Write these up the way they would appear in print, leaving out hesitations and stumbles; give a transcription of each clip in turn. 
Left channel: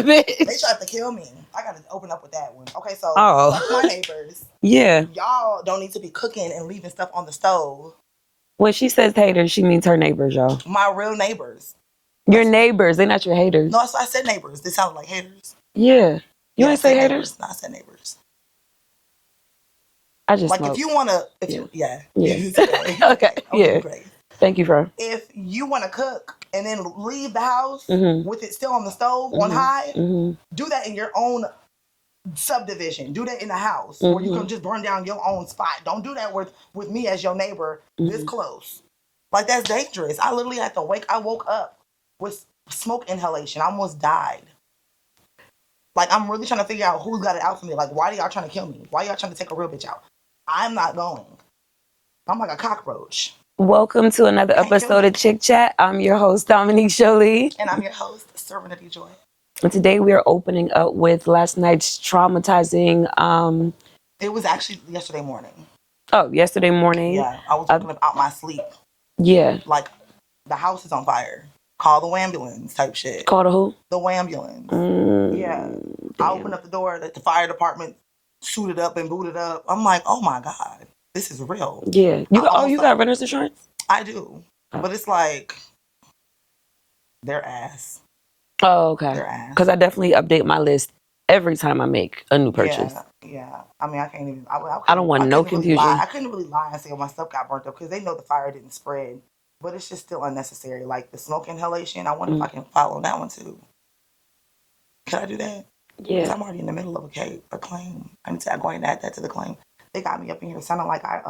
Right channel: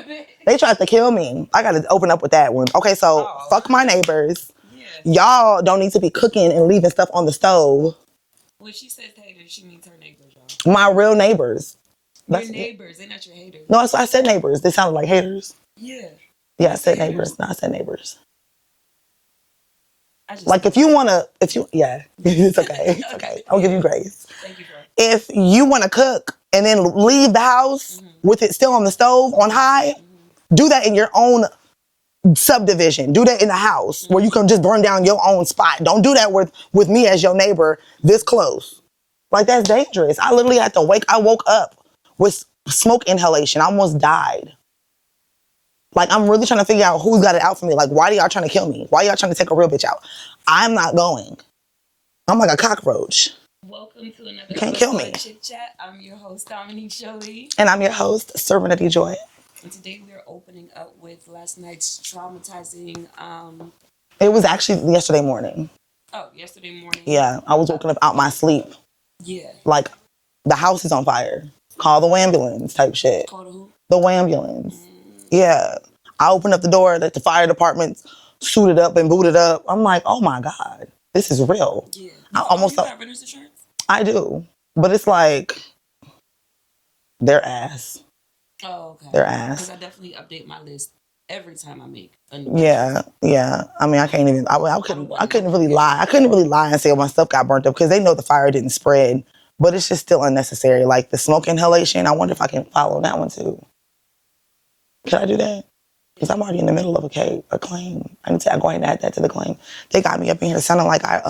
bitch. They tried to kill me. I got to open up with that one. Okay, so fuck my neighbors. Yeah. Y'all don't need to be cooking and leaving stuff on the stove. When she says haters, she means her neighbors, y'all. My real neighbors. Your neighbors, they're not your haters. No, so I said neighbors. They sounded like haters. Yeah. You didn't say haters? No, I said neighbors. I just like if you want to, it's okay. Okay. I'll give you grace. Thank you, bro. If you want to cook and then leave the house with it still on the stove on high, do that in your own subdivision. Do that in the house where you can just burn down your own spot. Don't do that with me as your neighbor this close. Like, that's dangerous. I literally had to I woke up with smoke inhalation. I almost died. Like, I'm really trying to figure out who's got it out for me. Like, why are y'all trying to kill me? Why are y'all trying to take a real bitch out? I'm not going. I'm like a cockroach. Welcome to another episode of Chick Chat. I'm your host, Dominique Jolie. And I'm your host, Serenity Joy. And today we are opening up with last night's traumatizing... It was actually yesterday morning. Oh, yesterday morning. Yeah, I was waking up out my sleep. Yeah. Like, the house is on fire. Call the ambulance type shit. Call the who? The ambulance. Yeah. I opened up the door that the fire department's suited up and booted up. I'm like, oh my God, this is real. Yeah. You got renter's insurance? I do. But it's like, their ass. Oh, okay. Their ass. Because I definitely update my list every time I make a new purchase. Yeah. I mean, I can't even, I don't want no confusion. Really lie. I couldn't really lie and say my stuff got burnt up because they know the fire didn't spread. But it's just still unnecessary. Like the smoke inhalation, I wonder if I can follow that one too. Can I do that? Yeah. Because I'm already in the middle of a claim. I need to go ahead and add that to the claim. They got me up in here sounding like I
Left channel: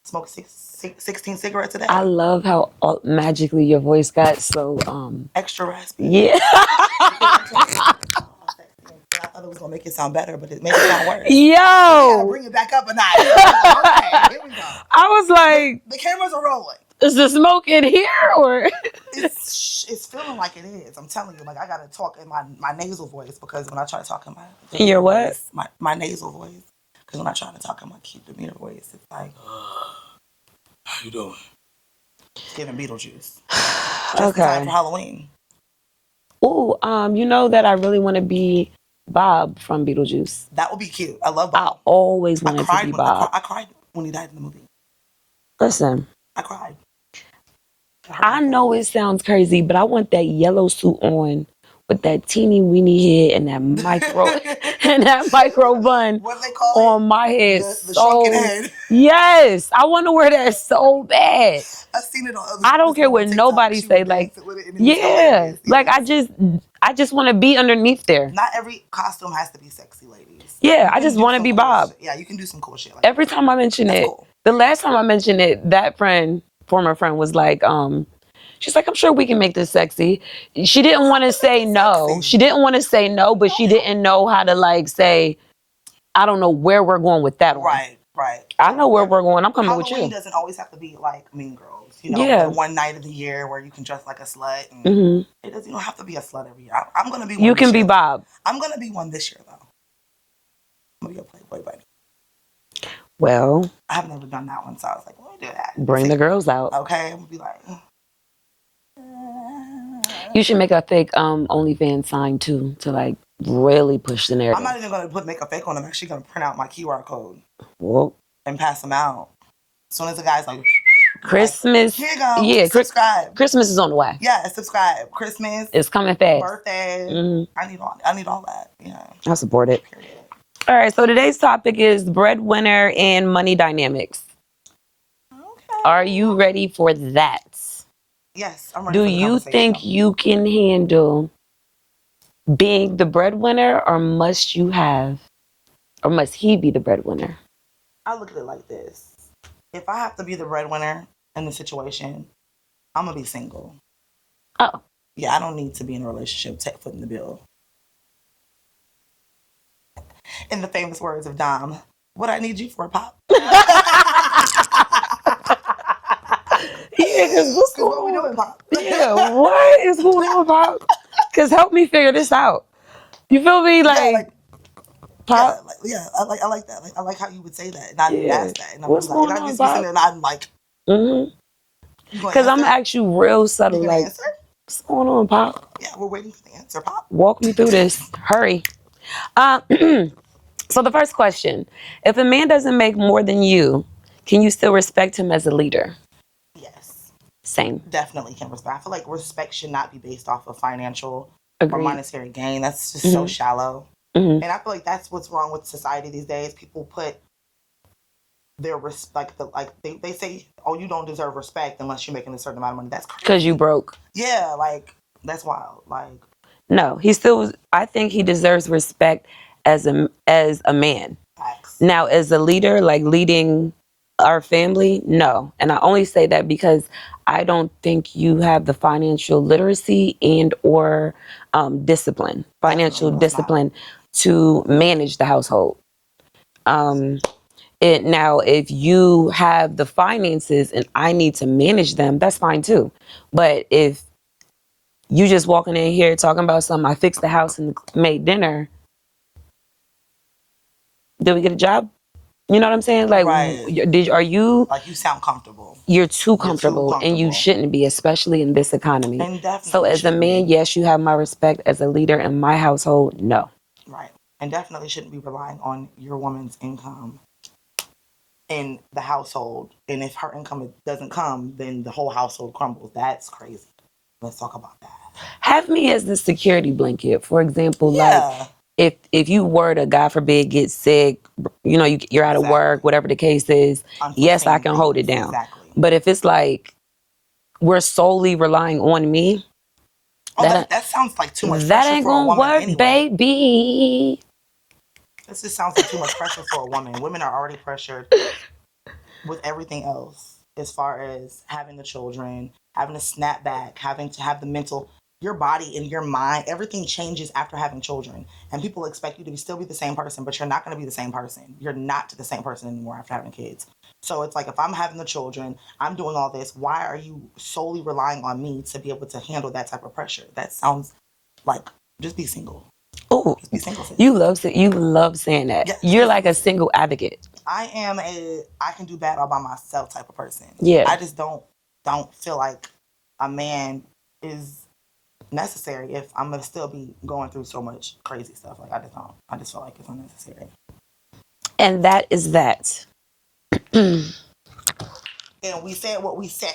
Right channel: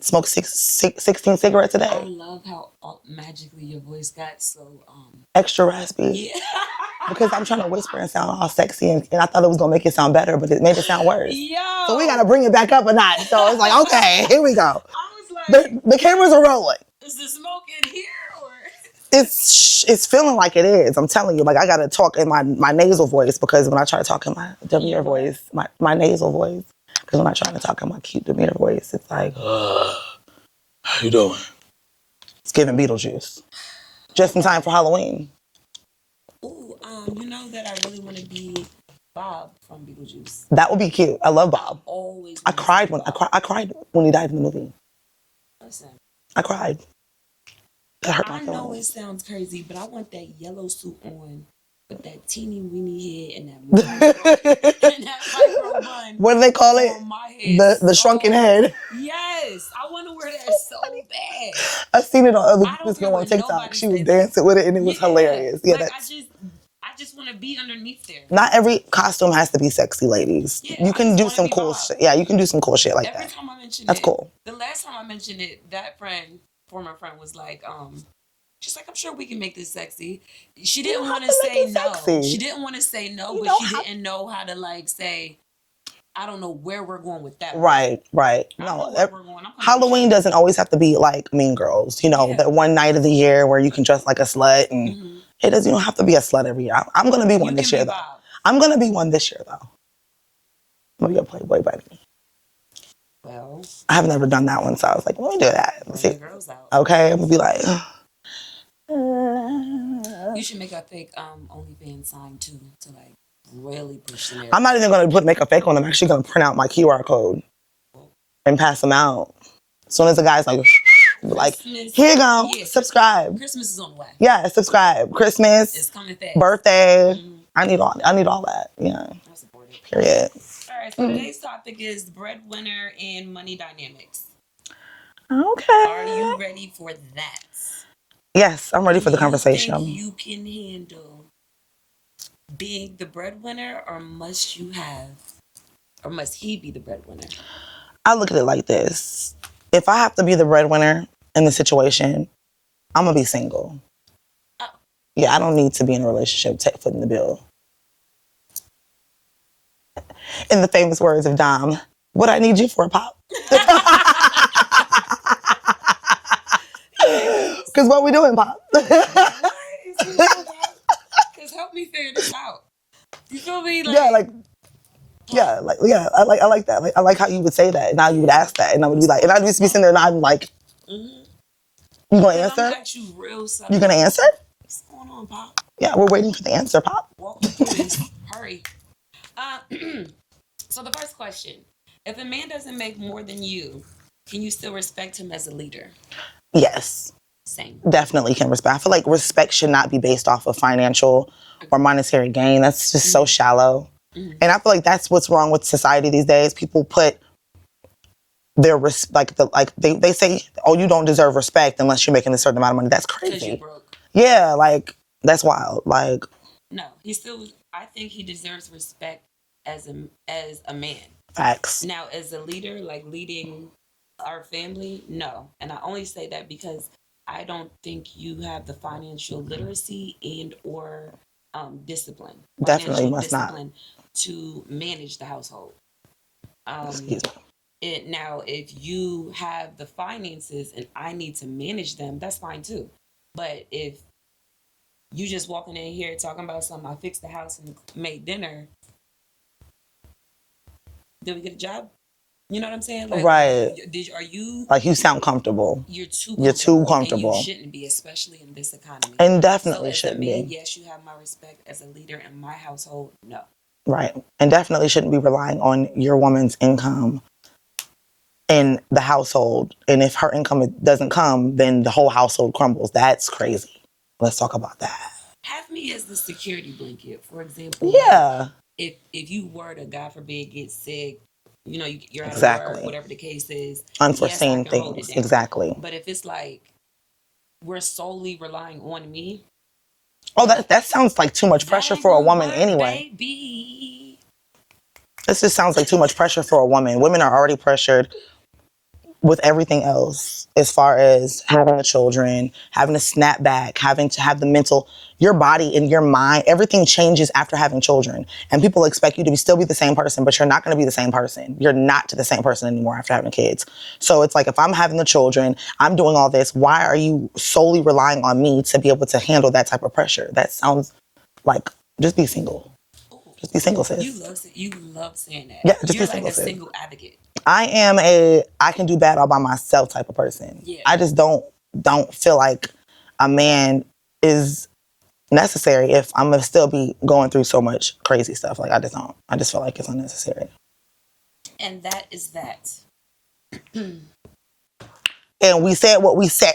smoked 16 cigarettes a day. I love how magically your voice got so... extra raspy. Yeah. Because I'm trying to whisper and sound all sexy, and I thought it was going to make it sound better, but it made it sound worse. Yo! So we got to bring it back up a notch. So I was like, okay, here we go. I was like... The cameras are rolling. Is the smoke in here or? It's feeling like it is. I'm telling you, like I gotta talk in my nasal voice because when I try to talk in my demeanor voice, my nasal voice, because when I try to talk in my cute demeanor voice, it's like, how you doing? It's giving Beetlejuice. Just in time for Halloween. Ooh, you know that I really want to be Bob from Beetlejuice. That would be cute. I love Bob. I always wanted to be Bob. I cried when he died in the movie. Listen. I cried. I know it sounds crazy, but I want that yellow suit on with that teeny weeny head and that micro bun. What do they call it? On my head. The shrunken head. Yes, I want to wear that so bad. I've seen it on other. I don't care what nobody say. Like, dancing with it and it was hilarious. Yeah, like I just want to be underneath there. Not every costume has to be sexy, ladies. Yeah, I just want to be Bob. Yeah, you can do some cool shit like every time I mention it. Cool. The last time I mentioned it, that former friend was like, she's like, I'm sure we can make this sexy. She didn't want to say no. Sexy. She didn't want to say no, but she didn't know how to like say, I don't know where we're going with that. Right. I know where we're going. I'm coming. Halloween doesn't always have to be like Mean Girls. You know, that one night of the year where you can dress like a slut. And it doesn't. You don't have to be a slut every year. I'm going to be one You this can year, be Bob. I'm going to be one this year, though. I'm going to be a Playboy bunny. Well, I have never done that one, so I was like, let me do that. Bring the girls out. Okay, I'm going to be like... You should make a fake OnlyFans sign, too, to like really push the narrative. I'm not even going to make a fake one. I'm actually going to print out my QR code and pass them out. As soon as the guy's like... Christmas. Like, here you go. Yeah, subscribe. Christmas is on the way. Yeah, subscribe. Christmas. It's coming fast. Birthday. I need all that. Yeah. I support it. Period. All right, so today's topic is breadwinner and money dynamics. Okay. Are you ready for that? Yes, I'm ready for the conversation. Do you think you can handle being the breadwinner, or must he be the breadwinner? I look at it like this. If I have to be the breadwinner in the situation, I'm going to be single. Oh. Yeah, I don't need to be in a relationship footing the bill. In the famous words of Dom, what I need you for, Pop? Because what we doing, Pop? Yeah, what is going on, Pop? Because help me figure this out. You feel me? Like Pop? I like that. Like, I like how you would say that, and I would ask that, and I would be like, and I just be sitting there, and I'm like, because I'm gonna ask you real subtle. You gonna answer? What's going on, Pop? Yeah, we're waiting for the answer, Pop. Walk me through this. Hurry. So the first question, if a man doesn't make more than you, can you still respect him as a leader? Yes. Same. Definitely can respect. I feel like respect should not be based off of financial or monetary gain. That's just so shallow. And I feel like that's what's wrong with society these days. People put their they say, oh, you don't deserve respect unless you're making a certain amount of money. That's crazy. Because you broke. Yeah, like that's wild. Like, no, I think he deserves respect as a man. Facts. Now, as a leader, like leading our family, no. And I only say that because I don't think you have the financial literacy and or discipline, financial discipline to manage the household. Now, if you have the finances and I need to manage them, that's fine too. But if you just walking in here talking about something, I fixed the house and made dinner, did we get a job? You know what I'm saying? Like, are you... Like, you sound comfortable. You're too comfortable, and you shouldn't be, especially in this economy. And definitely so as a man, yes, you have my respect. As a leader in my household, no. Right. And definitely shouldn't be relying on your woman's income in the household. And if her income doesn't come, then the whole household crumbles. That's crazy. Let's talk about that. Have me as the security blanket, for example. Yeah. Like, if you were to, God forbid, get sick, you know, you're out of work, whatever the case is, yes, I can hold it down. Exactly. But if it's like we're solely relying on me. Oh, that sounds like too much pressure for a woman anyway. Baby. This just sounds like too much pressure for a woman. Women are already pressured with everything else, as far as having children, having to snap back, having to have the mental, your body and your mind, everything changes after having children. And people expect you to still be the same person, but you're not going to be the same person. You're not the same person anymore after having kids. So it's like, if I'm having the children, I'm doing all this, why are you solely relying on me to be able to handle that type of pressure? That sounds like, just be single. Oh, just be single, sis. You love saying that. Yeah, you're like a single advocate. I am I can do bad all by myself type of person. Yeah. I just don't feel like a man is necessary if I'm gonna still be going through so much crazy stuff. Like, I just don't. I just feel like it's unnecessary. And that is that. And we said what we said.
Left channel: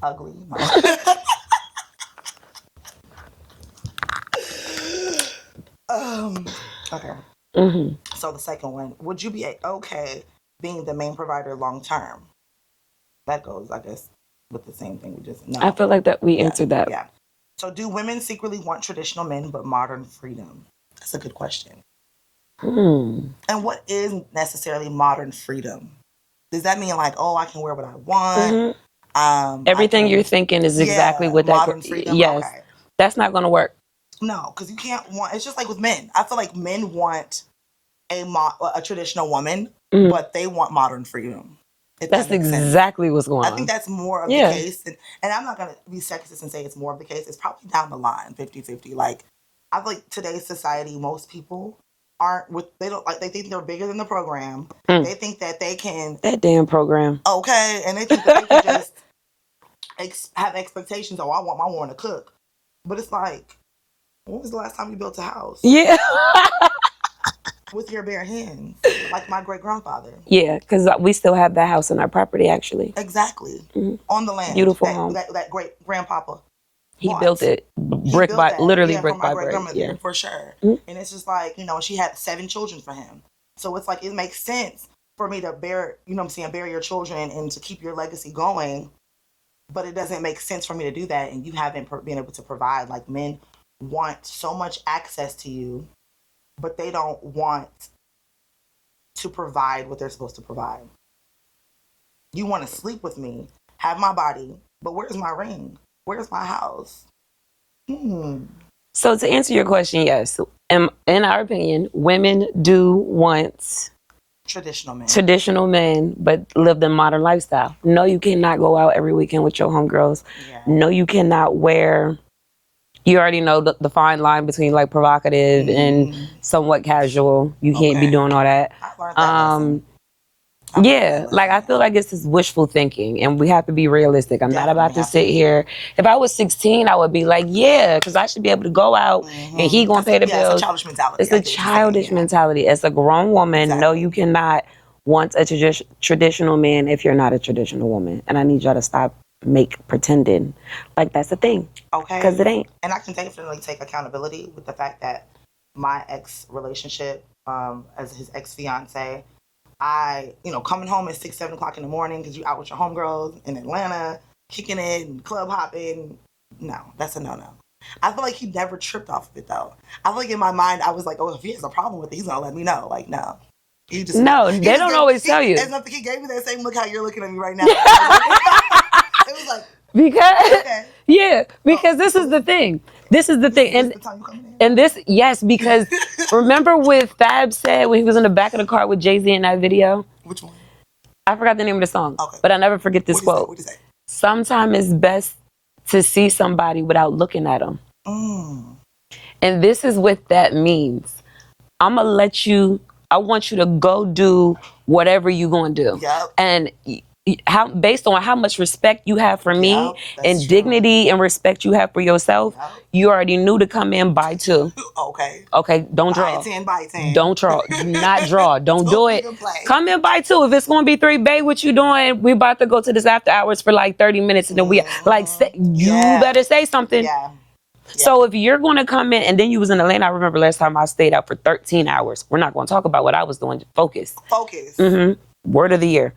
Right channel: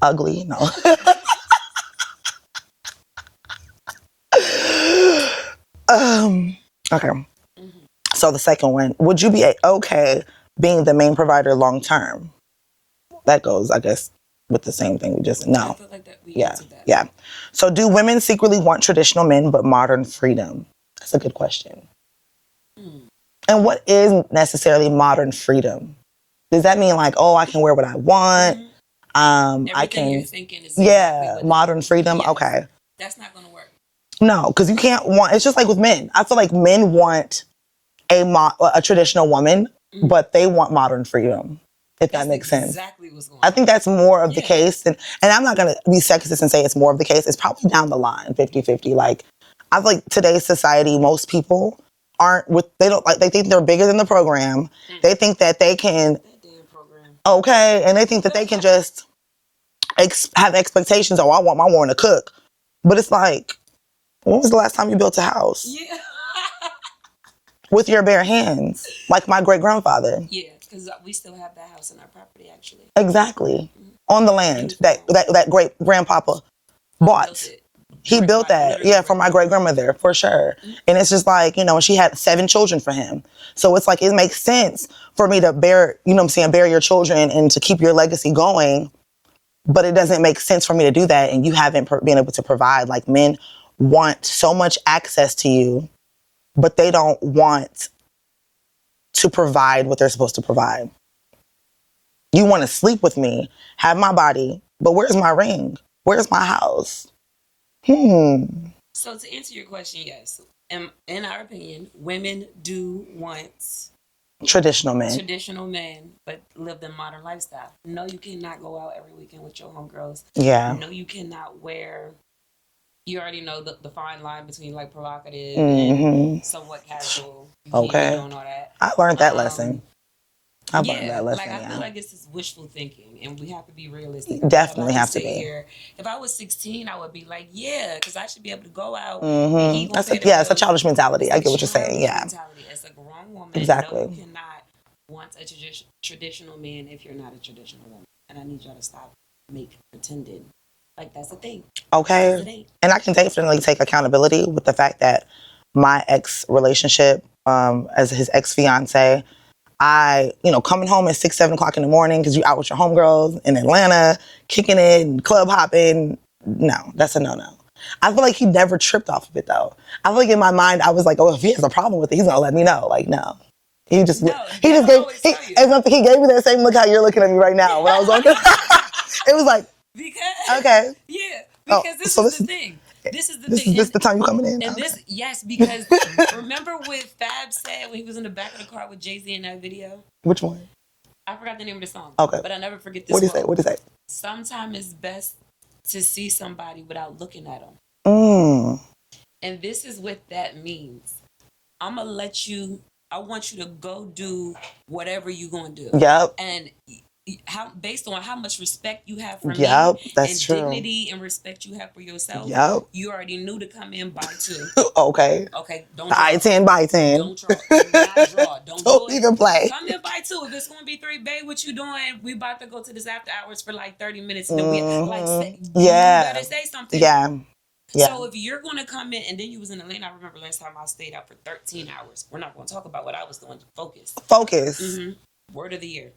Ugly, no. Okay. Mm-hmm. So the second one, would you be okay being the main provider long term? That goes, I guess, with the same thing we just... No. I feel like that we answered that. Yeah. So do women secretly want traditional men but modern freedom? That's a good question. And what is necessarily modern freedom? Does that mean like, oh, I can wear what I want? Everything you're thinking is exactly what modern freedom? Yes. Okay. That's not going to work. No, because you can't want... It's just like with men. I feel like men want a traditional woman, but they want modern freedom. That's exactly what's going on. I think that's more of the case. And I'm not going to be sexist and say it's more of the case. It's probably down the line, 50-50. Like, I feel like today's society, most people they think they're bigger than the program. They think that they can... That damn program. Okay. And they think that they can just have expectations. Oh, I want my woman to cook. But it's like, when was the last time you built a house? Yeah. With your bare hands, like my great-grandfather. Yeah, because we still have that house on our property, actually. Exactly. On the land. Beautiful that great-grandpapa bought. He built it. He built that, literally. Yeah, for my great-grandmother, for sure. And it's just like, she had 7 children for him. So it's like, it makes sense for me to bear your children and to keep your legacy going. But it doesn't make sense for me to do that and you haven't been able to provide. Like, men want so much access to you, but they don't want to provide what they're supposed to provide. You want to sleep with me, have my body, but where's my ring? Where's my house? So to answer your question, yes. In our opinion, women do want... Traditional men, but live the modern lifestyle. No, you cannot go out every weekend with your homegirls. Yeah. No, you cannot wear... You already know the fine line between like provocative and somewhat casual. You can't be doing all that. I learned that lesson. Yeah, like I feel like this is wishful thinking, and we have to be realistic. I'm not about to sit here. If I was 16, I would be like, yeah, because I should be able to go out and he gonna pay the bills. Yeah, it's a childish mentality. It's a childish mentality. As a grown woman, no, you cannot want a traditional man if you're not a traditional woman. And I need y'all to stop pretending like that's a thing. Okay. Because it ain't. And I can definitely take accountability with the fact that my ex relationship, as his ex-fiance, coming home at 6, 7 o'clock in the morning because you out with your homegirls in Atlanta, kicking it and club hopping. No, that's a no-no. I feel like he never tripped off of it though. I feel like in my mind, I was like, oh, if he has a problem with it, he's gonna let me know. Like, no. He just they don't always tell you. He gave me that same look how you're looking at me right now. I was like, it was like, because okay. Yeah, because this is the thing. This is the thing. This is the time you coming in. And because remember what Fab said when he was in the back of the car with Jay-Z in that video? Which one? I forgot the name of the song. Okay. But I never forget this quote. What did he say? Sometimes it's best to see somebody without looking at them. Mm. And this is what that means. I want you to go do whatever you gonna do. Yep. And based on how much respect you have for me and dignity and respect you have for yourself, you already knew to come in by 2. Okay, don't draw. By 10. Don't draw. Do not draw. Don't do it. Even play. Come in by 2. If it's going to be 3, babe, what you doing? We about to go to this after hours for like 30 minutes. And then you better say something. Yeah. So if you're going to come in, and then you was in Atlanta, I remember last time I stayed out for 13 hours. We're not going to talk about what I was doing. Focus. Mm-hmm. Word of the year.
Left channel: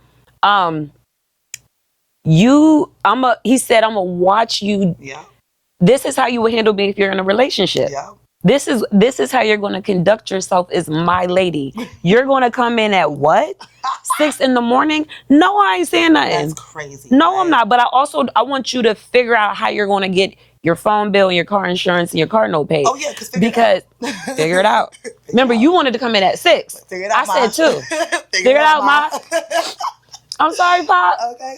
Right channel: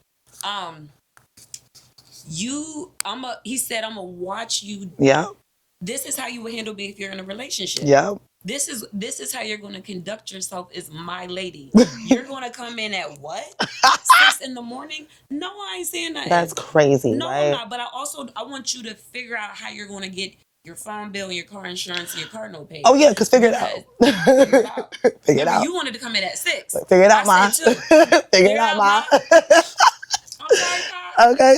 He said, I'm gonna watch you. Yeah. This is how you would handle me if you're in a relationship. Yeah. This is how you're gonna conduct yourself as my lady. You're gonna come in at what? 6 in the morning? No, I ain't saying nothing. That's crazy. No, right? I'm not. But I want you to figure out how you're gonna get your phone bill and your car insurance and your car note paid. Oh yeah, figure it out. Remember, you wanted to come in at 6. Figure it out, I said 2. Figure it out, Ma. I'm sorry, Pop. Okay.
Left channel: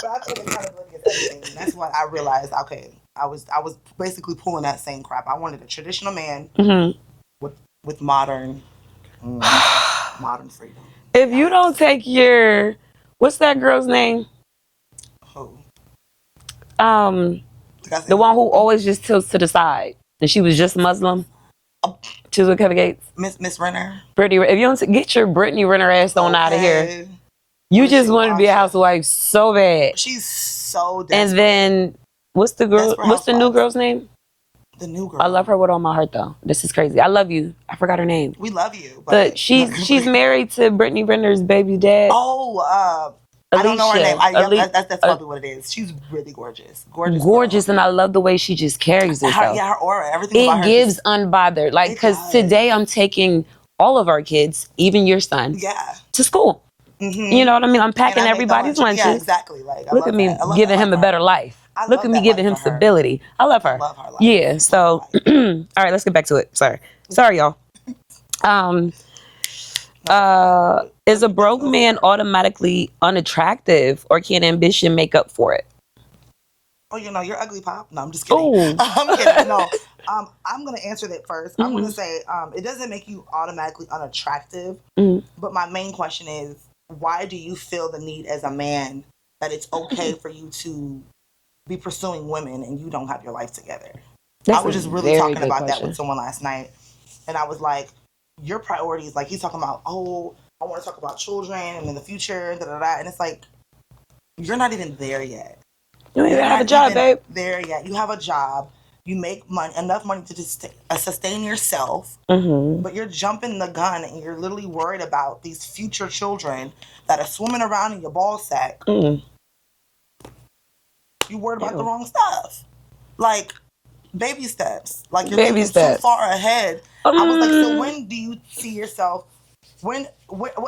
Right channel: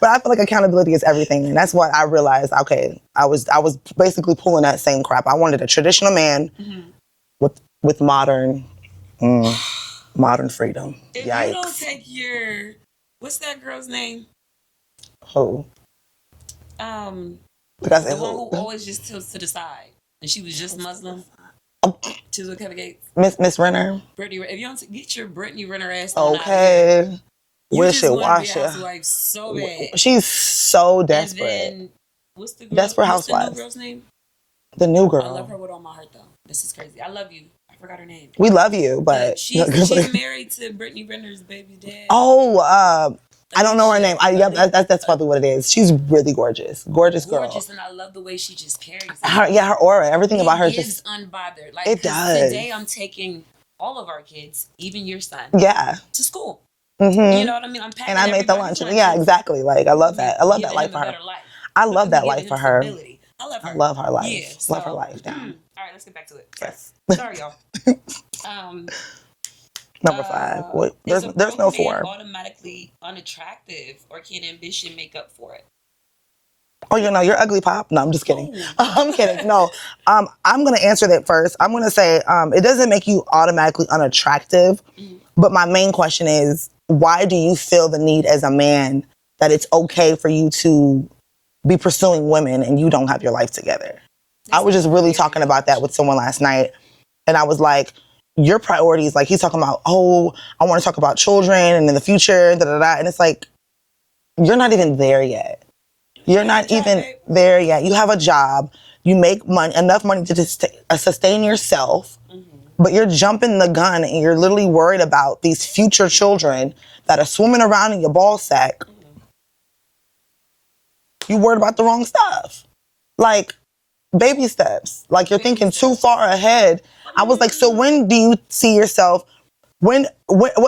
But I feel like accountability is everything. And that's what I realized. Okay, I was basically pulling that same crap. I wanted a traditional man with modern freedom. If you don't take what's that girl's name? Who? The one who always just tilts to the side. And she was just Muslim. She was with Kevin Gates. Miss Renner. Brittany, if you don't get your Brittany Renner ass on out of here. You just want to be a housewife so bad. She's so desperate. And then, what's the new girl's name? The new girl. I love her with all my heart, though. This is crazy. I love you. I forgot her name. We love you, but she's married to Brittany Renner's baby dad. Oh, I don't know her name. That's probably what it is. She's really gorgeous. Gorgeous, and I love the way she just carries it. Her aura, everything about her. It gives unbothered. Like, because today I'm taking all of our kids, even your son, to school. Mm-hmm. You know what I mean? I'm packing everybody's lunches. Yeah, exactly. Like, I love that. I love giving him a better life. I love that. Giving him stability. I love her. I love her life. Yeah. So, all right, let's get back to it. Sorry, y'all. Is a broke man automatically unattractive, or can ambition make up for it? Oh, you're ugly, Pop. No, I'm just kidding. I'm kidding. No, I'm going to answer that first. I'm going to say it doesn't make you automatically unattractive, but my main question is, why do you feel the need as a man that it's okay for you to be pursuing women and you don't have your life together? I was just really talking about that with someone last night, and I was like, your priorities, like he's talking about, I want to talk about children and in the future, and it's like, you're not even there yet. You're not even there yet. You have a job. You make enough money to just sustain yourself, but you're jumping the gun and you're literally worried about these future children that are swimming around in your ball sack. You worried about the wrong stuff. Like, baby steps. Like, you're thinking too far ahead. I was like, so when do you see yourself, what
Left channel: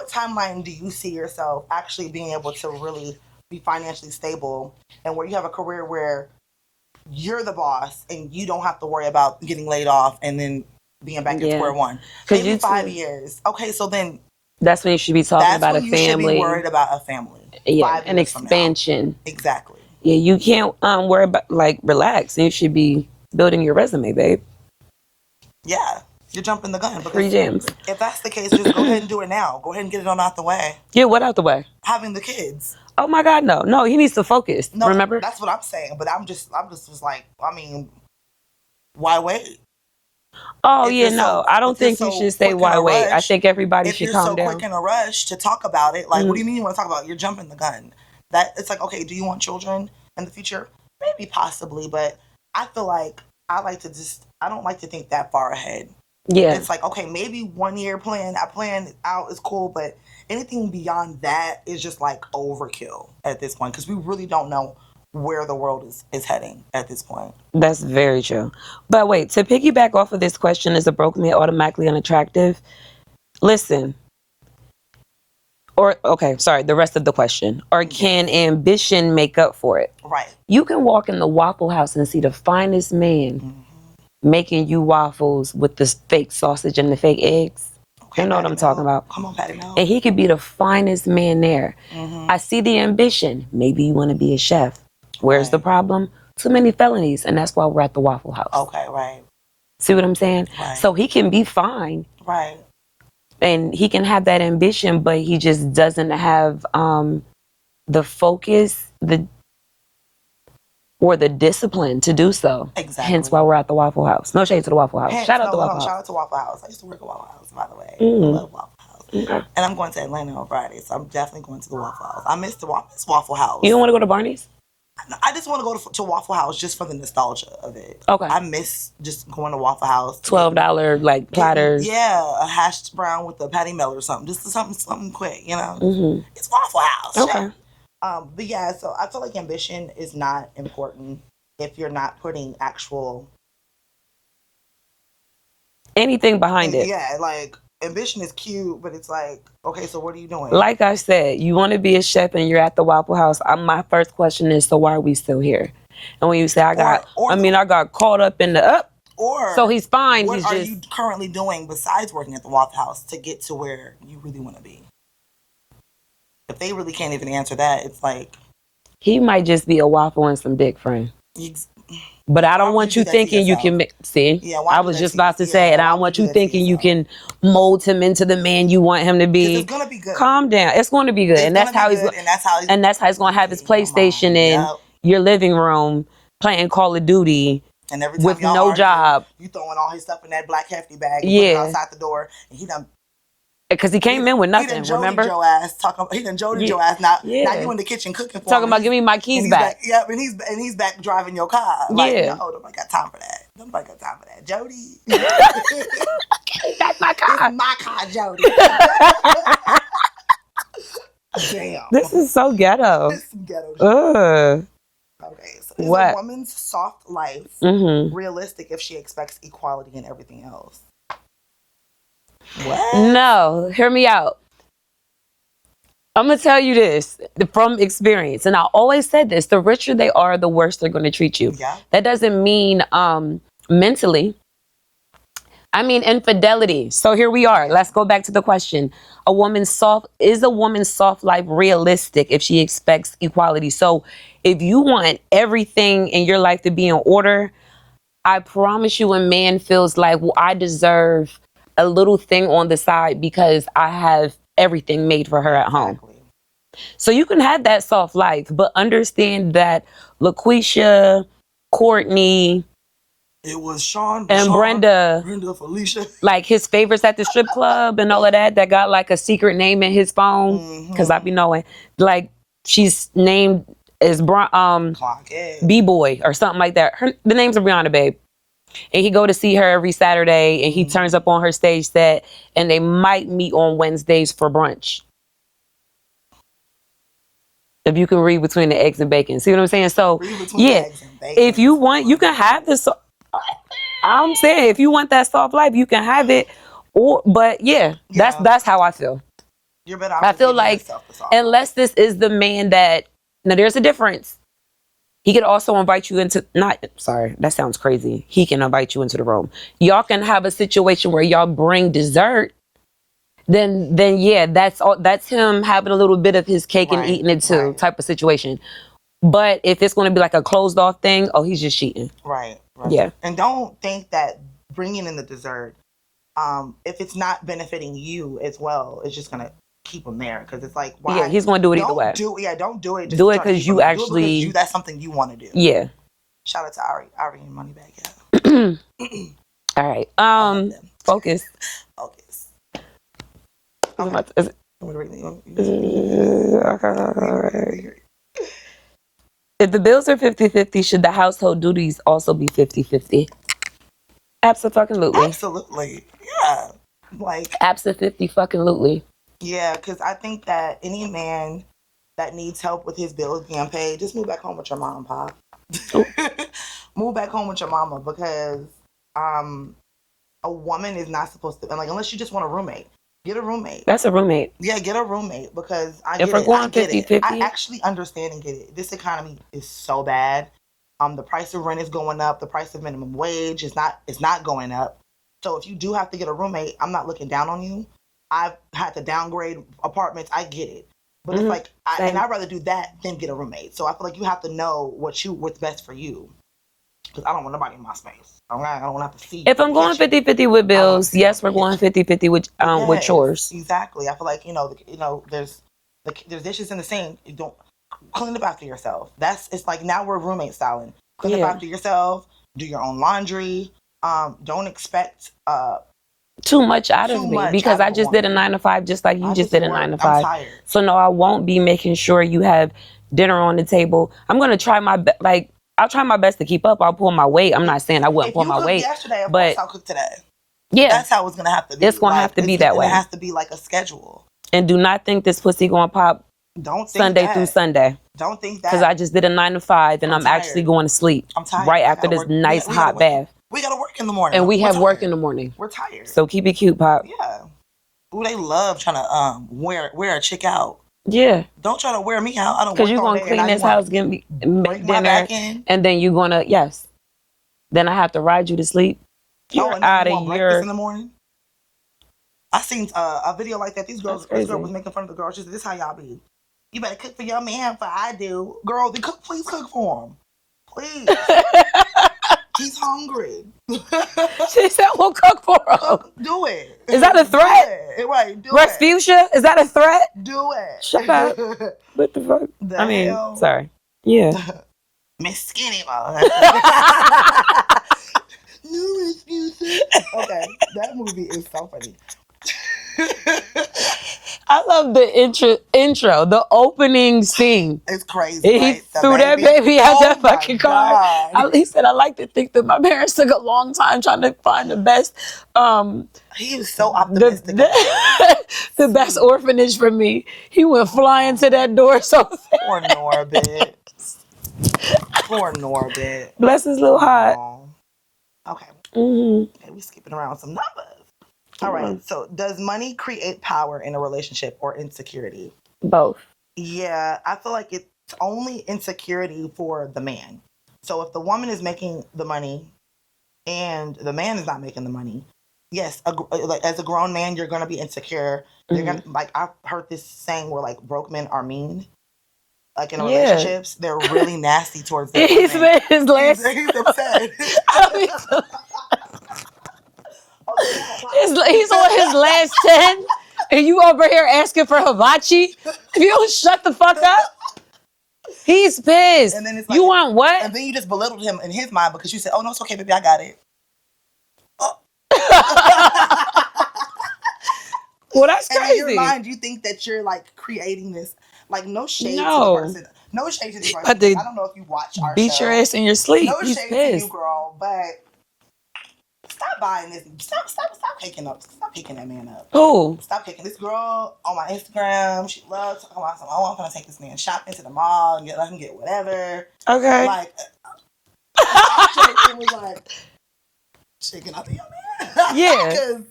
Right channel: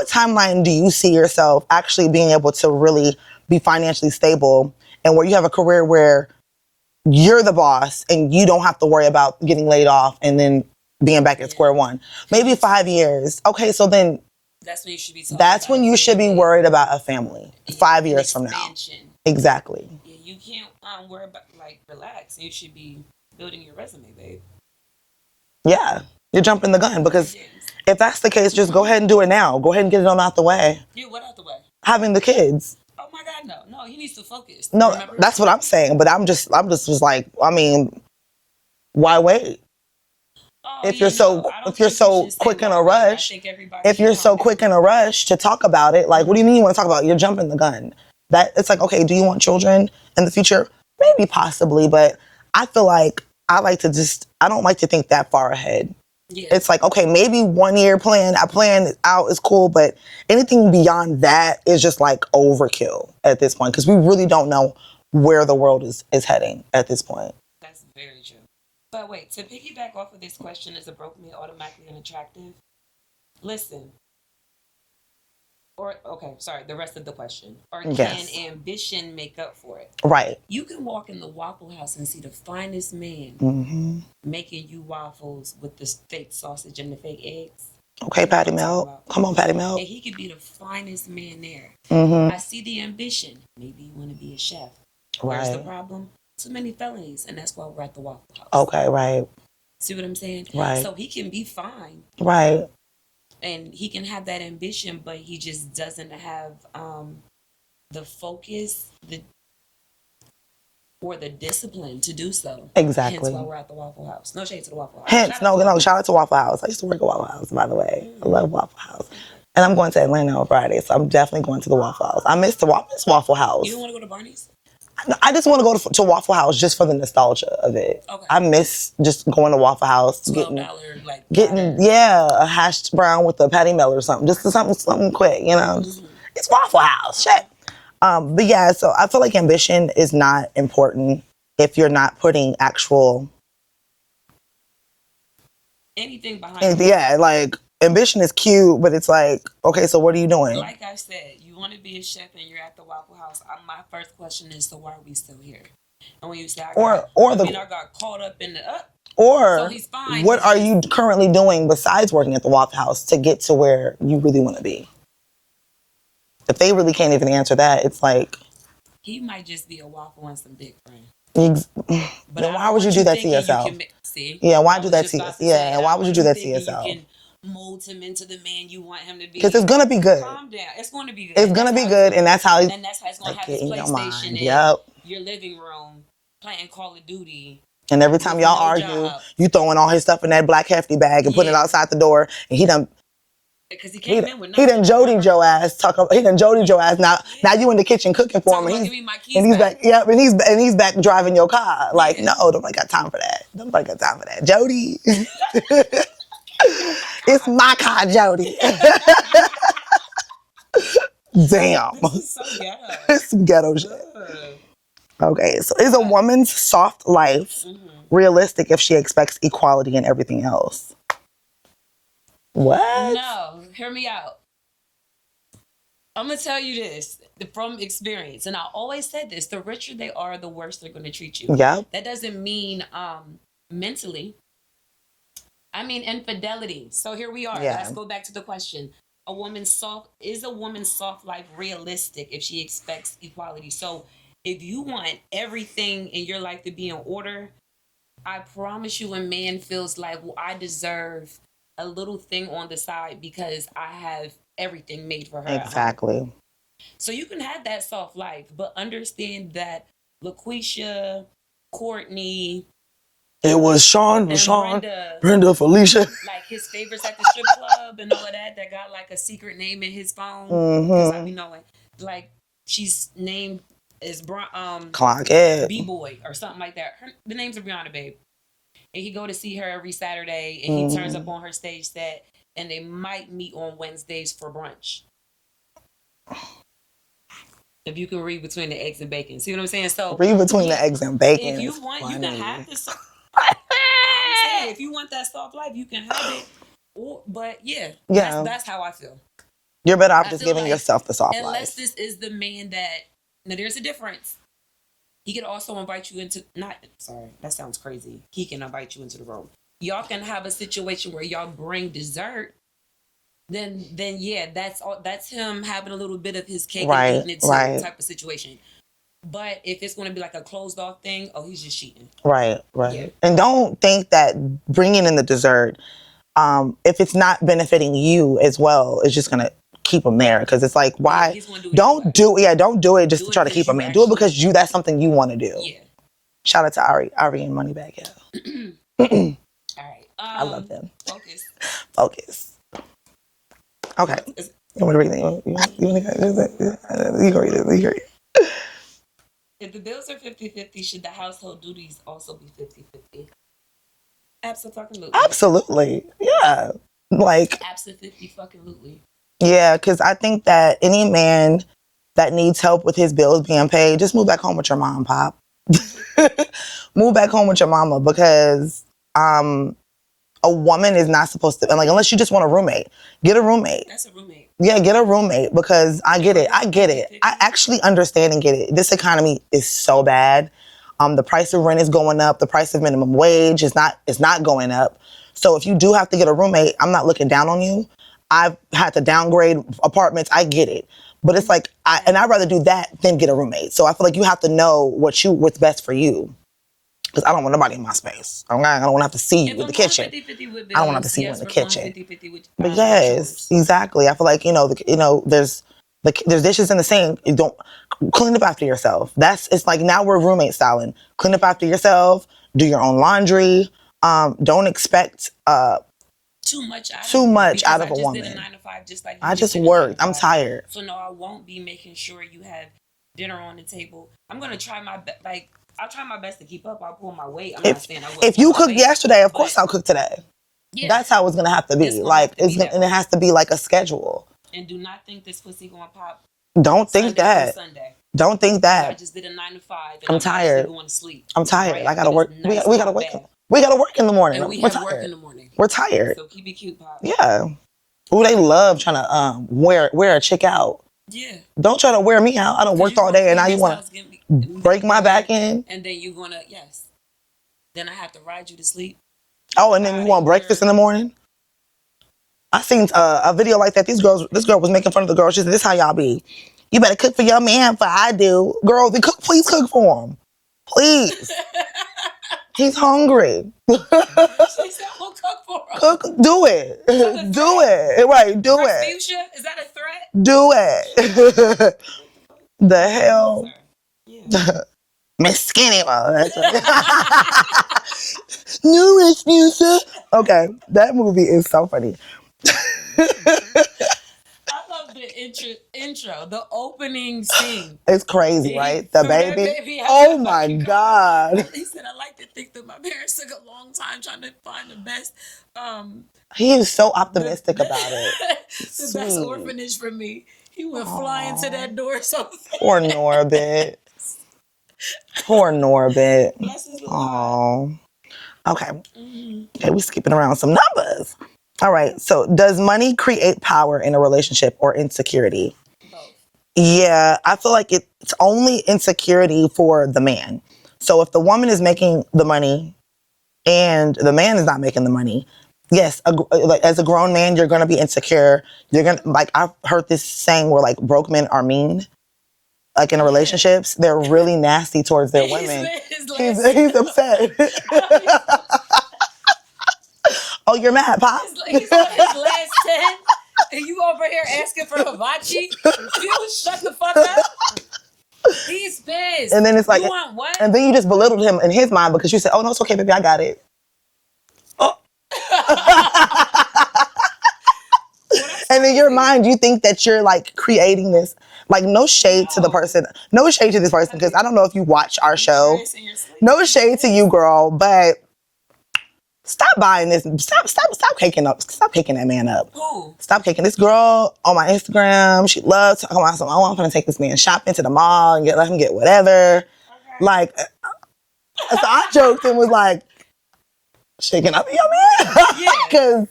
timeline do you see yourself actually being able to really be financially stable, and where you have a career where you're the boss and you don't have to worry about getting laid off and then being back at square one? Maybe 5 years. Okay, so then that's when you should be talking about a family. That's when you should be worried about a family. 5 years from now. An expansion. Exactly. Yeah, you can't worry about, relax. You should be building your resume, babe. Yeah. You're jumping the gun because 3 gems. if that's the case, just go ahead and do it now. Go ahead and get it on out the way. Yeah, what out the way? Having the kids. Oh my God, no. No, he needs to focus. No, remember? that's what I'm saying. But I'm just was like, I mean, why wait? Oh, If yeah, you're no. so- I don't if you're think so you should say quick in why a wait. I rush, think everybody If should you're calm so down. quick in a rush to talk about it, like, what do you mean you want to talk about it? You're jumping the gun. That it's like, okay, do you want children in the future? Maybe, possibly, but I feel like I don't like to think that far ahead. Yeah. It's like, okay, maybe 1 year plan out is cool, but anything beyond that is just like overkill at this point because we really don't know where the world is heading at this point. That's very true. But wait, to piggyback off of this question, is a broke man automatically unattractive? Listen. The rest of the question. Or can ambition make up for it? Right. You can walk in the Waffle House and see the finest man making you waffles with the fake sausage and the fake eggs. Okay, You know what Patty I'm Milk. talking about. Come on, Patty Milk. And he could be the finest man there. I see the ambition. Maybe you want to be a chef. Where's the problem? Too many felonies, and that's why we're at the Waffle House. Okay, right. See what I'm saying? Right. So he can be fine. Right. And he can have that ambition, but he just doesn't have the focus, or the discipline to do so. Exactly. Hence why we're at the Waffle House. No shade to the Waffle House. Shout out to Waffle House. I used to work at Waffle House, by the way. I love Waffle House. Okay. And I'm going to Atlanta on Friday, so I'm definitely going to the Waffle House. I miss Waffle House. You don't want to go to Barney's? I just want to go to Waffle House just for the nostalgia of it. Okay. I miss just going to Waffle House. $12 like platter. Yeah, a hashed brown with a patty melt or something. Just something quick, you know. It's Waffle House. Okay. But yeah, so I feel like ambition is not important if you're not putting actual anything behind it. Yeah, like ambition is cute, but it's like, okay, so what are you doing? Like I said, you want to be a chef and you're at the Waffle House. My first question is, so why are we still here? And when you say I got caught up in the so he's fine. What are you currently doing besides working at the Waffle House to get to where you really want to be? If they really can't even answer that, it's like he might just be a waffle and some dick friend. But I don't want you thinking you can see. Yeah, I was just about to say it. I don't want you thinking you can mold him into the man you want him to be. Because it's gonna be good. Calm down. It's going to be good. It's gonna be good, and that's how he's going to have his PlayStation in your living room playing Call of Duty. And every time y'all argue, job, you throwing all his stuff in that black hefty bag and put it outside the door, and he done. Because he came in with nothing. He done Jody Joe ass. He done Jody Joe ass. Now you in the kitchen cooking for him. Talking about give me my keys back. Yeah, and he's back driving your car. Like, no, nobody got time for that. Nobody got time for that. Jody. That's my car. It's my car, Jody. Damn. This is so ghetto. It's ghetto shit. Okay, so is a woman's soft life realistic if she expects equality in everything else? What? No, hear me out. I'm going to tell you this from experience. And I always said this, the richer they are, the worse they're going to treat you. Yeah. That doesn't mean mentally. I mean infidelity. So here we are. Yeah. Let's go back to the question. Is a woman's soft life realistic if she expects equality? So if you want everything in your life to be in order, I promise you a man feels like, well, I deserve a little thing on the side because I have everything made for her at home. Exactly. So you can have that soft life, but understand that LaQuisha, Courtney, it was Sean and Brenda, Felicia, like his favorites at the strip club and all of that got like a secret name in his phone because I be knowing, like she's named as B-Boy or something like that. The name's Brianna, babe. And he go to see her every Saturday, and he turns up on her stage set, and they might meet on Wednesdays for brunch. If you can read between the eggs and bacon. See what I'm saying? So read between the eggs and bacon. If you want, you can have this. I'm saying, if you want that soft life, you can have it. But that's how I feel. You're better off just giving yourself the soft life. Unless this is the man that, now there's a difference. He could also invite you into, that sounds crazy. He can invite you into the room. Y'all can have a situation where y'all bring dessert. Then yeah, that's him having a little bit of his cake and eating it too, type of situation. But if it's going to be like a closed off thing, he's just cheating. Right. Yeah. And don't think that bringing in the dessert if it's not benefiting you as well, it's just gonna keep him there because it's like, why? Yeah, he's gonna do it either way. Don't do it just to try to keep him there. Do it because that's something you want to do. Yeah. Shout out to Ari and Moneybag. Yeah. All right. Focus. Okay. You want to read it? If the bills are 50-50, should the household duties also be 50-50? Absolutely. Absolutely. Yeah. Like Absolutely. Yeah, because I think that any man that needs help with his bills being paid, just move back home with your mom, Pop. Move back home with your mama because a woman is not supposed to, like, unless you just want a roommate, get a roommate. That's a roommate. Yeah, get a roommate because I get it. I get 50-50, it. I actually understand and get it. This economy is so bad. The price of rent is going up. The price of minimum wage is not going up. So if you do have to get a roommate, I'm not looking down on you. I've had to downgrade apartments. I get it. But it's like, I'd rather do that than get a roommate. So I feel like you have to know what's best for you. Because I don't want nobody in my space. I don't want to have to see you. If I'm going 50-50 with bills, yes, we're going 50-50 with chores. Exactly. I feel like, there's dishes in the sink. You don't clean up after yourself. It's like now we're roommate styling. Clean up after yourself. Do your own laundry. Don't expect too much out of me because I just did a 9-to-5 just like you just did a 9-to-5. I'm tired. So no, I won't be making sure you have dinner on the table. I'm gonna try my best. Like I'll try my best to keep up. I'll pull my weight. I'm not saying I will. If you cooked yesterday, of course I'll cook today. Yeah, that's how it's gonna have to be. It's gonna have to be that way. It has to be like a schedule. And do not think this pussy gonna pop. Don't think Sunday that. through Sunday. Don't think that. Because I just did a 9-to-5 and I'm actually going to sleep. I'm tired. Right after this nice hot bath. We gotta work in the morning. And we have work in the morning. We're tired. So keep it cute, Pop. Yeah. Ooh, they love trying to wear a chick out. Yeah. Don't try to wear me out. I don't work all day and I want to break my back in. And then you're gonna then I have to ride you to sleep. And then you want breakfast in the morning? I seen a video like that. This girl was making fun of the girl. She said, "This how y'all be. You better cook for your man for I do." Girl, then please cook for him. Please. He's hungry. She said we'll cook for him. Do it. Is that a threat? Do it. Right, do it. Fuchsia, is that a threat? Do it. Shut up. What the fuck? Hell? Sorry. Yeah. Miss Skinny. No excuses. Okay, that movie is so funny. I love the intro, the opening scene. It's crazy, right? He threw that baby out that fucking car. God. He said, "I like to think that my parents took a long time trying to find the best." He was so optimistic about it. The best orphanage for me. He went flying to that door so fast. Poor Norbit. Poor Norbit. Bless his little heart. Okay. Okay, we're skipping around some numbers. All right. So does money create power in a relationship or insecurity? Both. Yeah, I feel like it's only insecurity for the man. So if the woman is making the money and the man is not making the money, yes, as a grown man, you're going to be insecure. You're going to, like, I've heard this saying where, like, broke men are mean. Like, in relationships, they're really nasty towards their women. He's upset. Oh, you're mad, Pop? He's on his last 10, and you over here asking for hibachi? You don't shut the fuck up. He's pissed. And then it's like, you want what? And then you just belittled him in his mind because you said, "Oh no, it's okay, baby, I got it." Oh. Well, that's crazy. And in your mind, you think that you're like creating this. Like, no shade to the person. No shade to this person because I don't know if you watch our show. Beat your ass in your sleep. No shade to you, girl, but. Stop buying this. Stop caking up. Stop caking that man up. Who? Stop caking this girl on my Instagram. She loves talking about something. Oh, I'm gonna take this man shopping to the mall and let him get whatever. Okay. Like, I joked and was like, shaking up your man. Yeah.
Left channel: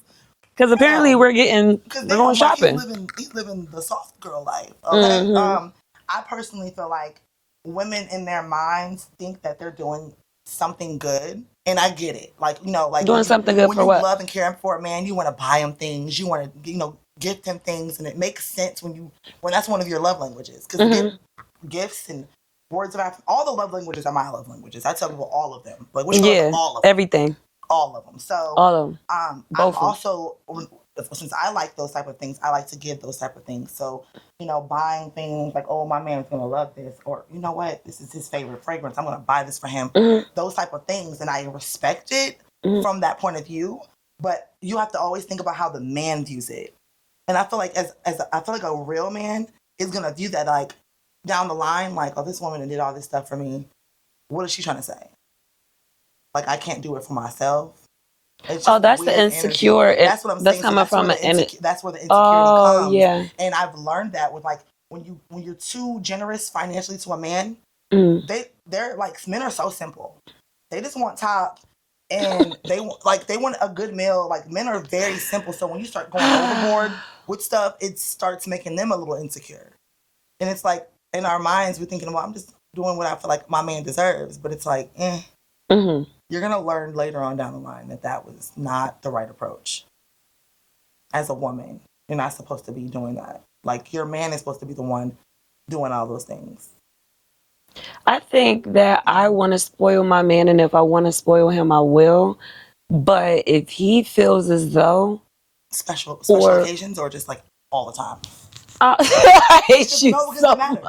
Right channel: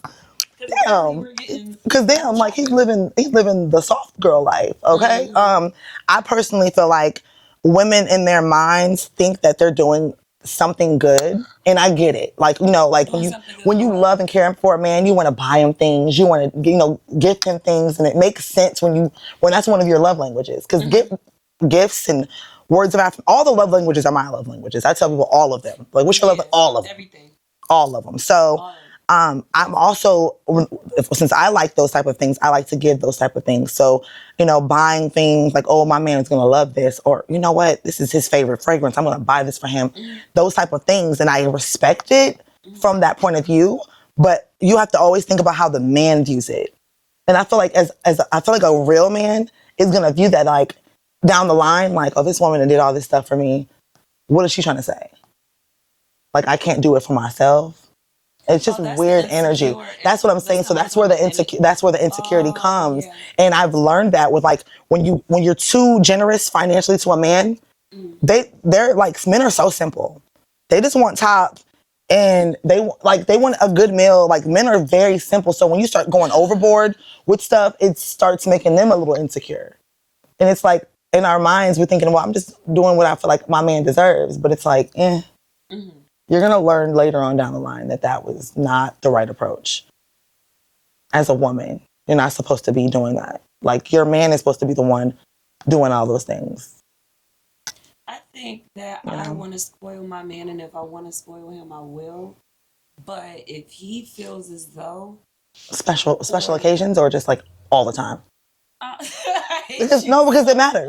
Because apparently we're getting. Because they're like he's living the soft girl life. Okay. Mm-hmm. I personally feel like women in their minds think that they're doing something good, and I get it. Like, like doing something good when you love and care for a man, you want to buy him things, you want to, gift him things, and it makes sense when that's one of your love languages. Because gifts and words of affirmation, all the love languages are my love languages. I tell people all of them. Like, which one of all of them? Everything. All of them. So All of them. I'm Both of them. also, since I like those type of things, I like to give those type of things. So, you know, buying things like, oh, my man is going to love this, or you know what, this is his favorite fragrance, I'm going to buy this for him. Those type of things. And I respect it from that point of view, but you have to always think about how the man views it. And I feel like as I feel like a real man is going to view that like down the line, like, oh, this woman did all this stuff for me. What is she trying to say? Like, I can't do it for myself. It's just that's weird the energy. insecure. That's what I'm saying. So that's where the insecurity comes. Yeah. And I've learned that with like when you're too generous financially to a man, they're like, men are so simple. They just want top, and they want a good meal. Like, men are very simple. So when you start going overboard with stuff, it starts making them a little insecure. And it's like in our minds we're thinking, well, I'm just doing what I feel like my man deserves. But it's like, you're going to learn later on down the line that was not the right approach. As a woman, you're not supposed to be doing that. Like, your man is supposed to be the one doing all those things. I think that I want to spoil my man, and if I want to spoil him, I will. But if he feels as though... Special occasions, or just like all the time? I hate you because so it matters.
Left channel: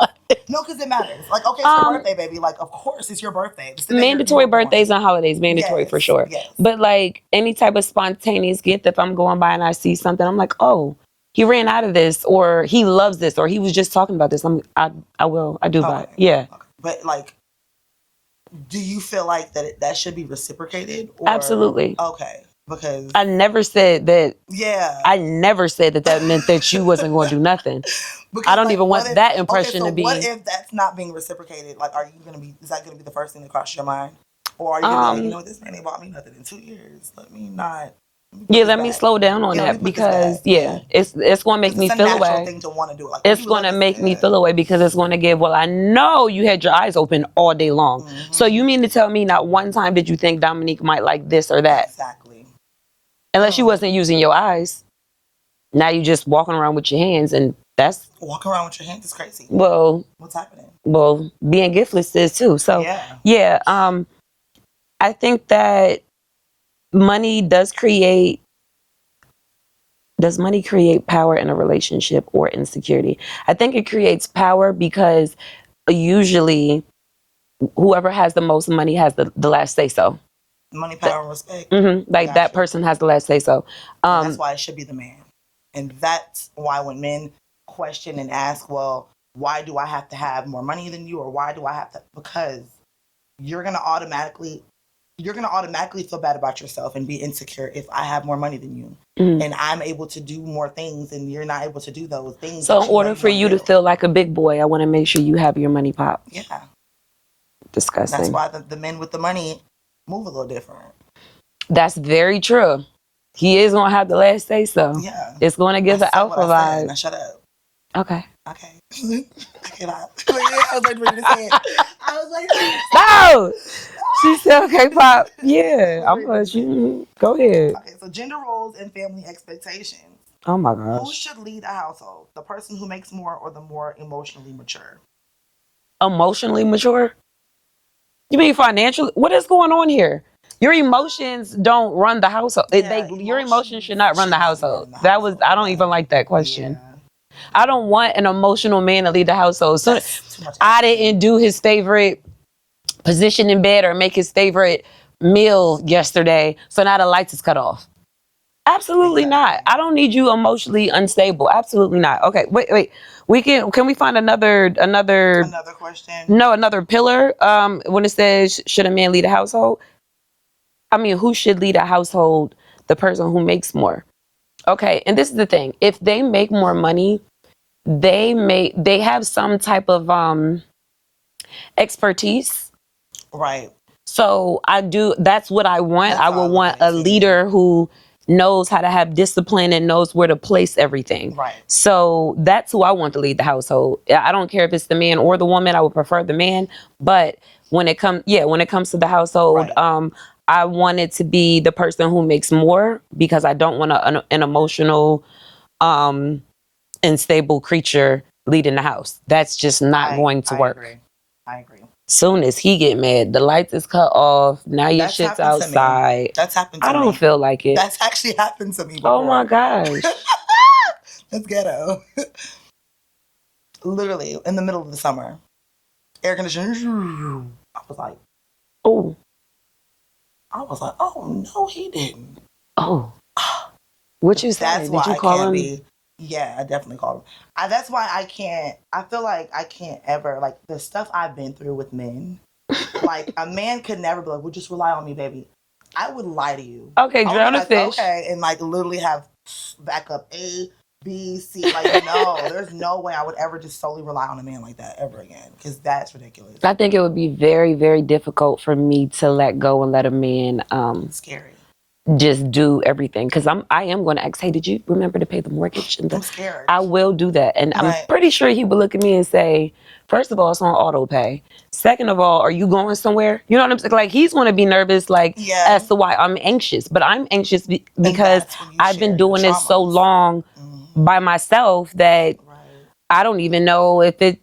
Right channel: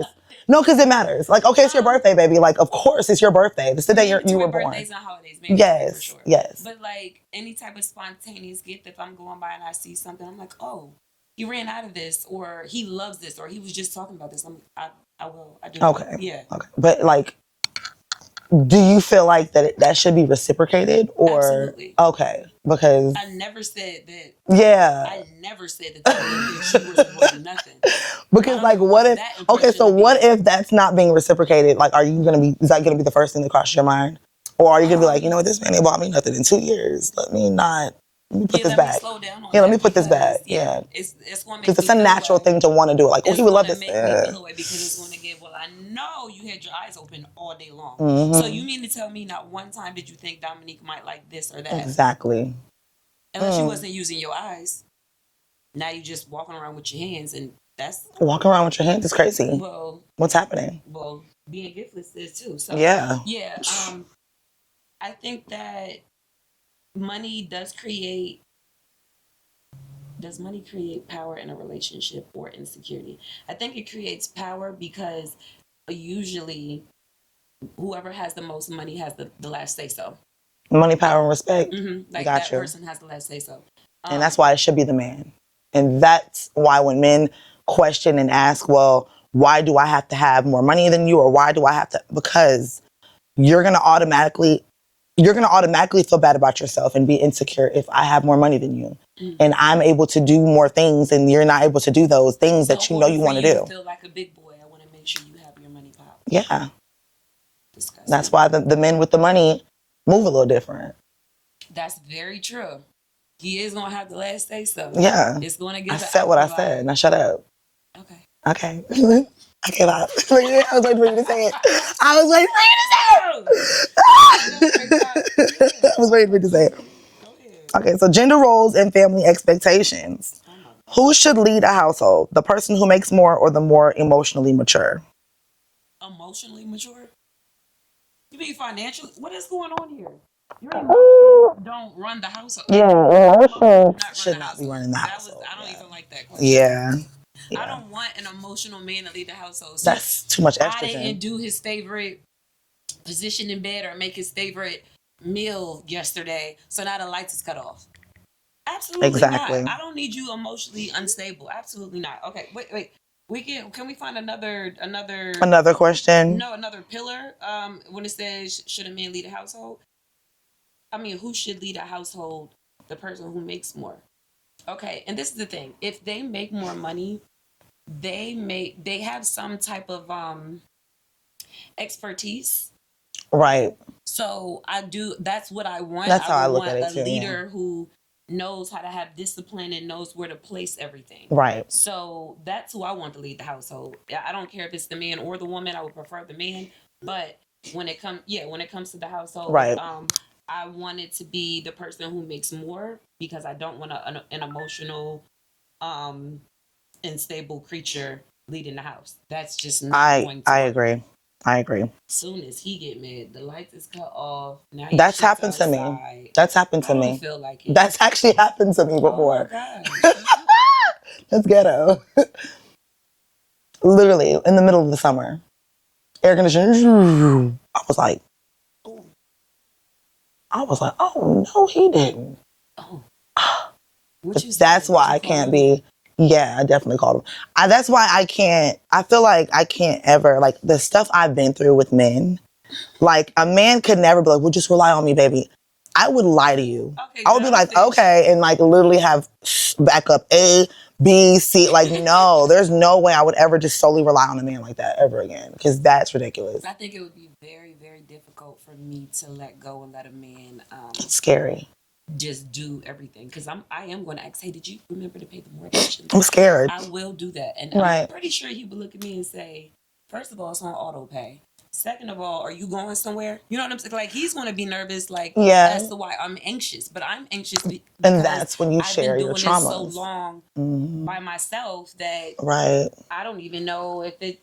No, because it matters. Like, okay, it's your birthday, baby. Like, of course it's your birthday. It's the day mandatory you were birthdays born. and holidays, mandatory for sure. Yes. But like any type of spontaneous gift, if I'm going by and I see something, I'm like, oh, he ran out of this, or he loves this, or he was just talking about this. I do buy it. Yeah. Okay. But like, do you feel like that should be reciprocated? Or? Absolutely. Okay. Because I never said that. Yeah. I never said that meant that you wasn't going to do nothing. Because I don't even want that impression. Okay, so what if that's not being reciprocated? Like, is that gonna be the first thing that crosses your mind? Or are you gonna be like, you know what, this man ain't bought me nothing in 2 years. Let me slow down on that. Let me put this back. It's going to make me feel away. It's a natural thing to want to do it. Like, it's going to make me feel away because it's going to give, well, I know you had your eyes open all day long. So you mean to tell me not one time did you think Dominique might like this or that? Exactly. Unless you wasn't using your eyes. Now you just walking around with your hands, and that's... Walking around with your hands is crazy. Well... What's happening? Well, being giftless is too. So, yeah. I think that money does money create power in a relationship or insecurity? I think it creates power because usually whoever has the most money has the last say so. Money, power, and respect. Like that person has the last say so. And that's why it should be the man. And that's why when men question and ask, well, why do I have to have more money than you? Or why do I have to? Because you're going to automatically feel bad about yourself and be insecure if I have more money than you. And I'm able to do more things and you're not able to do those things that you know you want to do. So in order for you to feel like a big boy, I want to make sure you have your money pop. Yeah. Disgusting. That's why the men with the money move a little different. That's very true. He is going to have the last say so. Yeah. It's going to give the alpha vibe. I said. Now shut up. Okay. Okay. I cannot. I was waiting for you to say it. I was waiting No! for you to say it. Okay, Pop. Yeah. I was waiting for you to say it. Go ahead. Okay, so gender roles and family expectations. Oh my gosh. Who should lead a household? The person who makes more or the more emotionally mature? Emotionally mature? You mean financially? What is going on here? Your emotions don't run the household. Your emotions should not run the household. I don't even like that question. Yeah. I don't want an emotional man to lead the household. So that's too much. I didn't do his favorite position in bed or make his favorite meal yesterday, so now the lights is cut off. Absolutely not. I don't need you emotionally unstable. Absolutely not. Okay, wait. Can we find another question? No, another pillar. When it says should a man lead a household? I mean, who should lead a household? The person who makes more. Okay, and this is the thing. If they make more money, they have some type of expertise. Right. So that's what I want. I would want a leader who knows how to have discipline and knows where to place everything. Right. So that's who I want to lead the household. I don't care if it's the man or the woman. I would prefer the man. But when it comes to the household, right. I want it to be the person who makes more because I don't want an emotional, unstable creature leading the house. That's just not going to work. I agree. I agree. Soon as he get mad, the lights is cut off. Now your That's shit's happened to me. outside. That's happened to me. I don't feel like it. That's actually happened to me before. Oh my gosh. That's ghetto. Literally, in the middle of the summer. Air conditioner. I was like, oh. Oh, no, he didn't. Oh. What you say? That's why I can't him? be. Yeah, I definitely called him. That's why I can't. I feel like I can't ever, like, the stuff I've been through with men, like, a man could never be like, well, just rely on me, baby. I would lie to you. Okay, I would be like, okay, and, like, literally have backup A, B, C. Like, no, there's no way I would ever just solely rely on a man like that ever again, because that's ridiculous. I think it would be very, very difficult for me to let go and let a man it's scary. Just do everything, because I am going to ask, hey, did you remember to pay the mortgage? I'm scared. I will do that, and I'm pretty sure he would look at me and say, first of all, it's on auto pay. Second of all, are you going somewhere? You know what I'm saying? Like, he's going to be nervous, like, as to why I'm anxious. But I'm anxious because I've been doing this so long by myself that I don't even know if it,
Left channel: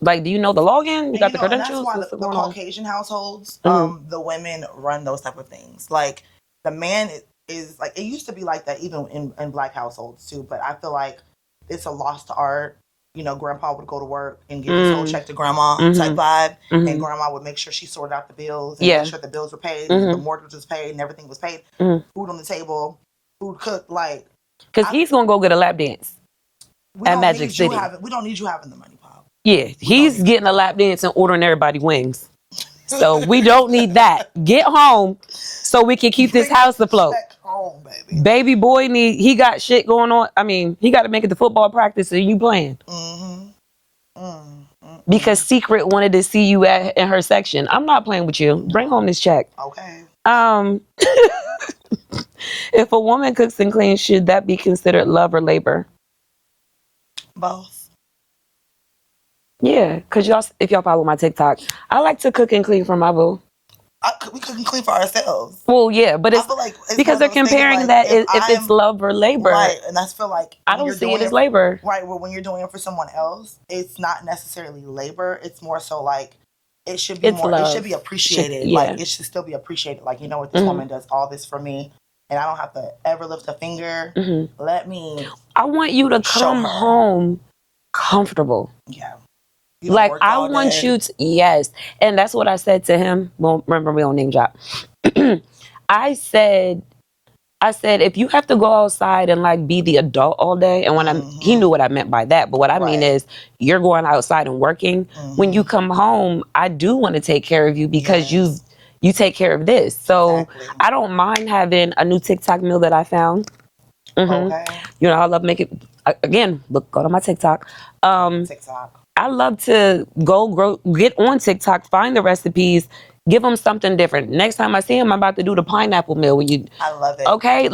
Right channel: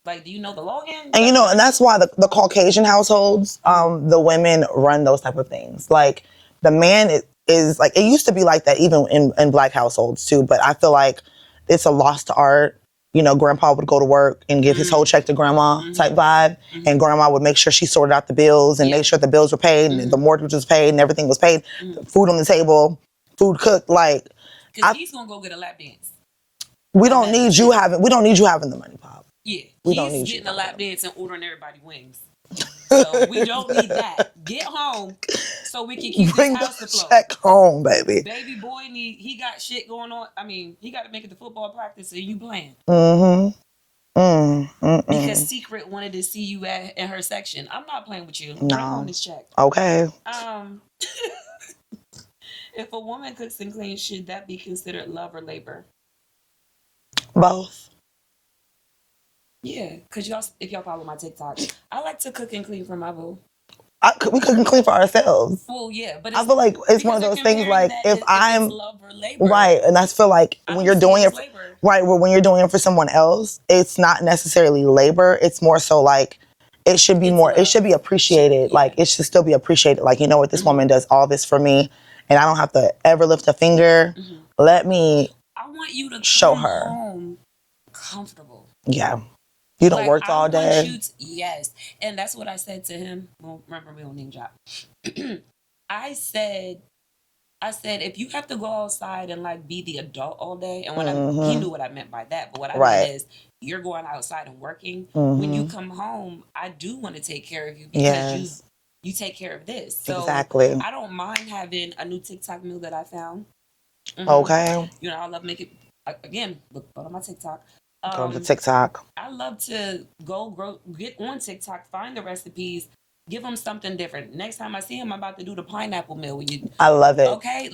like, do you know the login? And you know, and that's why the Caucasian households, the women run those type of things. Like, the man is like, it used to be like that even in Black households too, but I feel like it's a lost art. You know, grandpa would go to work and give his whole check to grandma type vibe, and grandma would make sure she sorted out the bills and make sure the bills were paid and the mortgage was paid and everything was paid, food on the table, food cooked, like. Because he's going to go get a lap dance. We don't need you having the money, Pop. Yeah, he's getting a lap dance and ordering everybody wings. So we don't need that. Get home so we can keep this house afloat. Check home, baby. Baby boy he got shit going on. I mean, he got to make it to football practice and you playing. Because Secret wanted to see you in her section. I'm not playing with you. No. Bring home this check. Okay. If a woman cooks and cleans, should that be considered love or labor? Both. Yeah, because if y'all follow my TikTok, I like to cook and clean for my boo. We cook and clean for ourselves. Well, yeah, but I feel like it's because they're comparing that if it's love or labor. Right, and I feel like when you're doing it labor. Right, well, when you're doing it for someone else, it's not necessarily labor. It's more so like, it should be more, love. It should be appreciated. Like, it should still be appreciated. Like, you know what, this woman does all this for me, and I don't have to ever lift a finger. Let me I want you to come home comfortable. Yeah. You don't work all day. I want you to, yes. And that's what I said to him. Well, remember, we don't name drop. I said, if you have to go outside and like be the adult all day, and when he knew what I meant by that, but what I mean is you're going outside and working. When you come home, I do want to take care of you because you take care of this. So I don't mind having a new TikTok meal that I found. Okay. You know, I love making, again, go to my TikTok. Go to TikTok. I love to get on TikTok, find the recipes, give them something different. Next time I see him, I'm about to do the pineapple meal. I love it. Okay?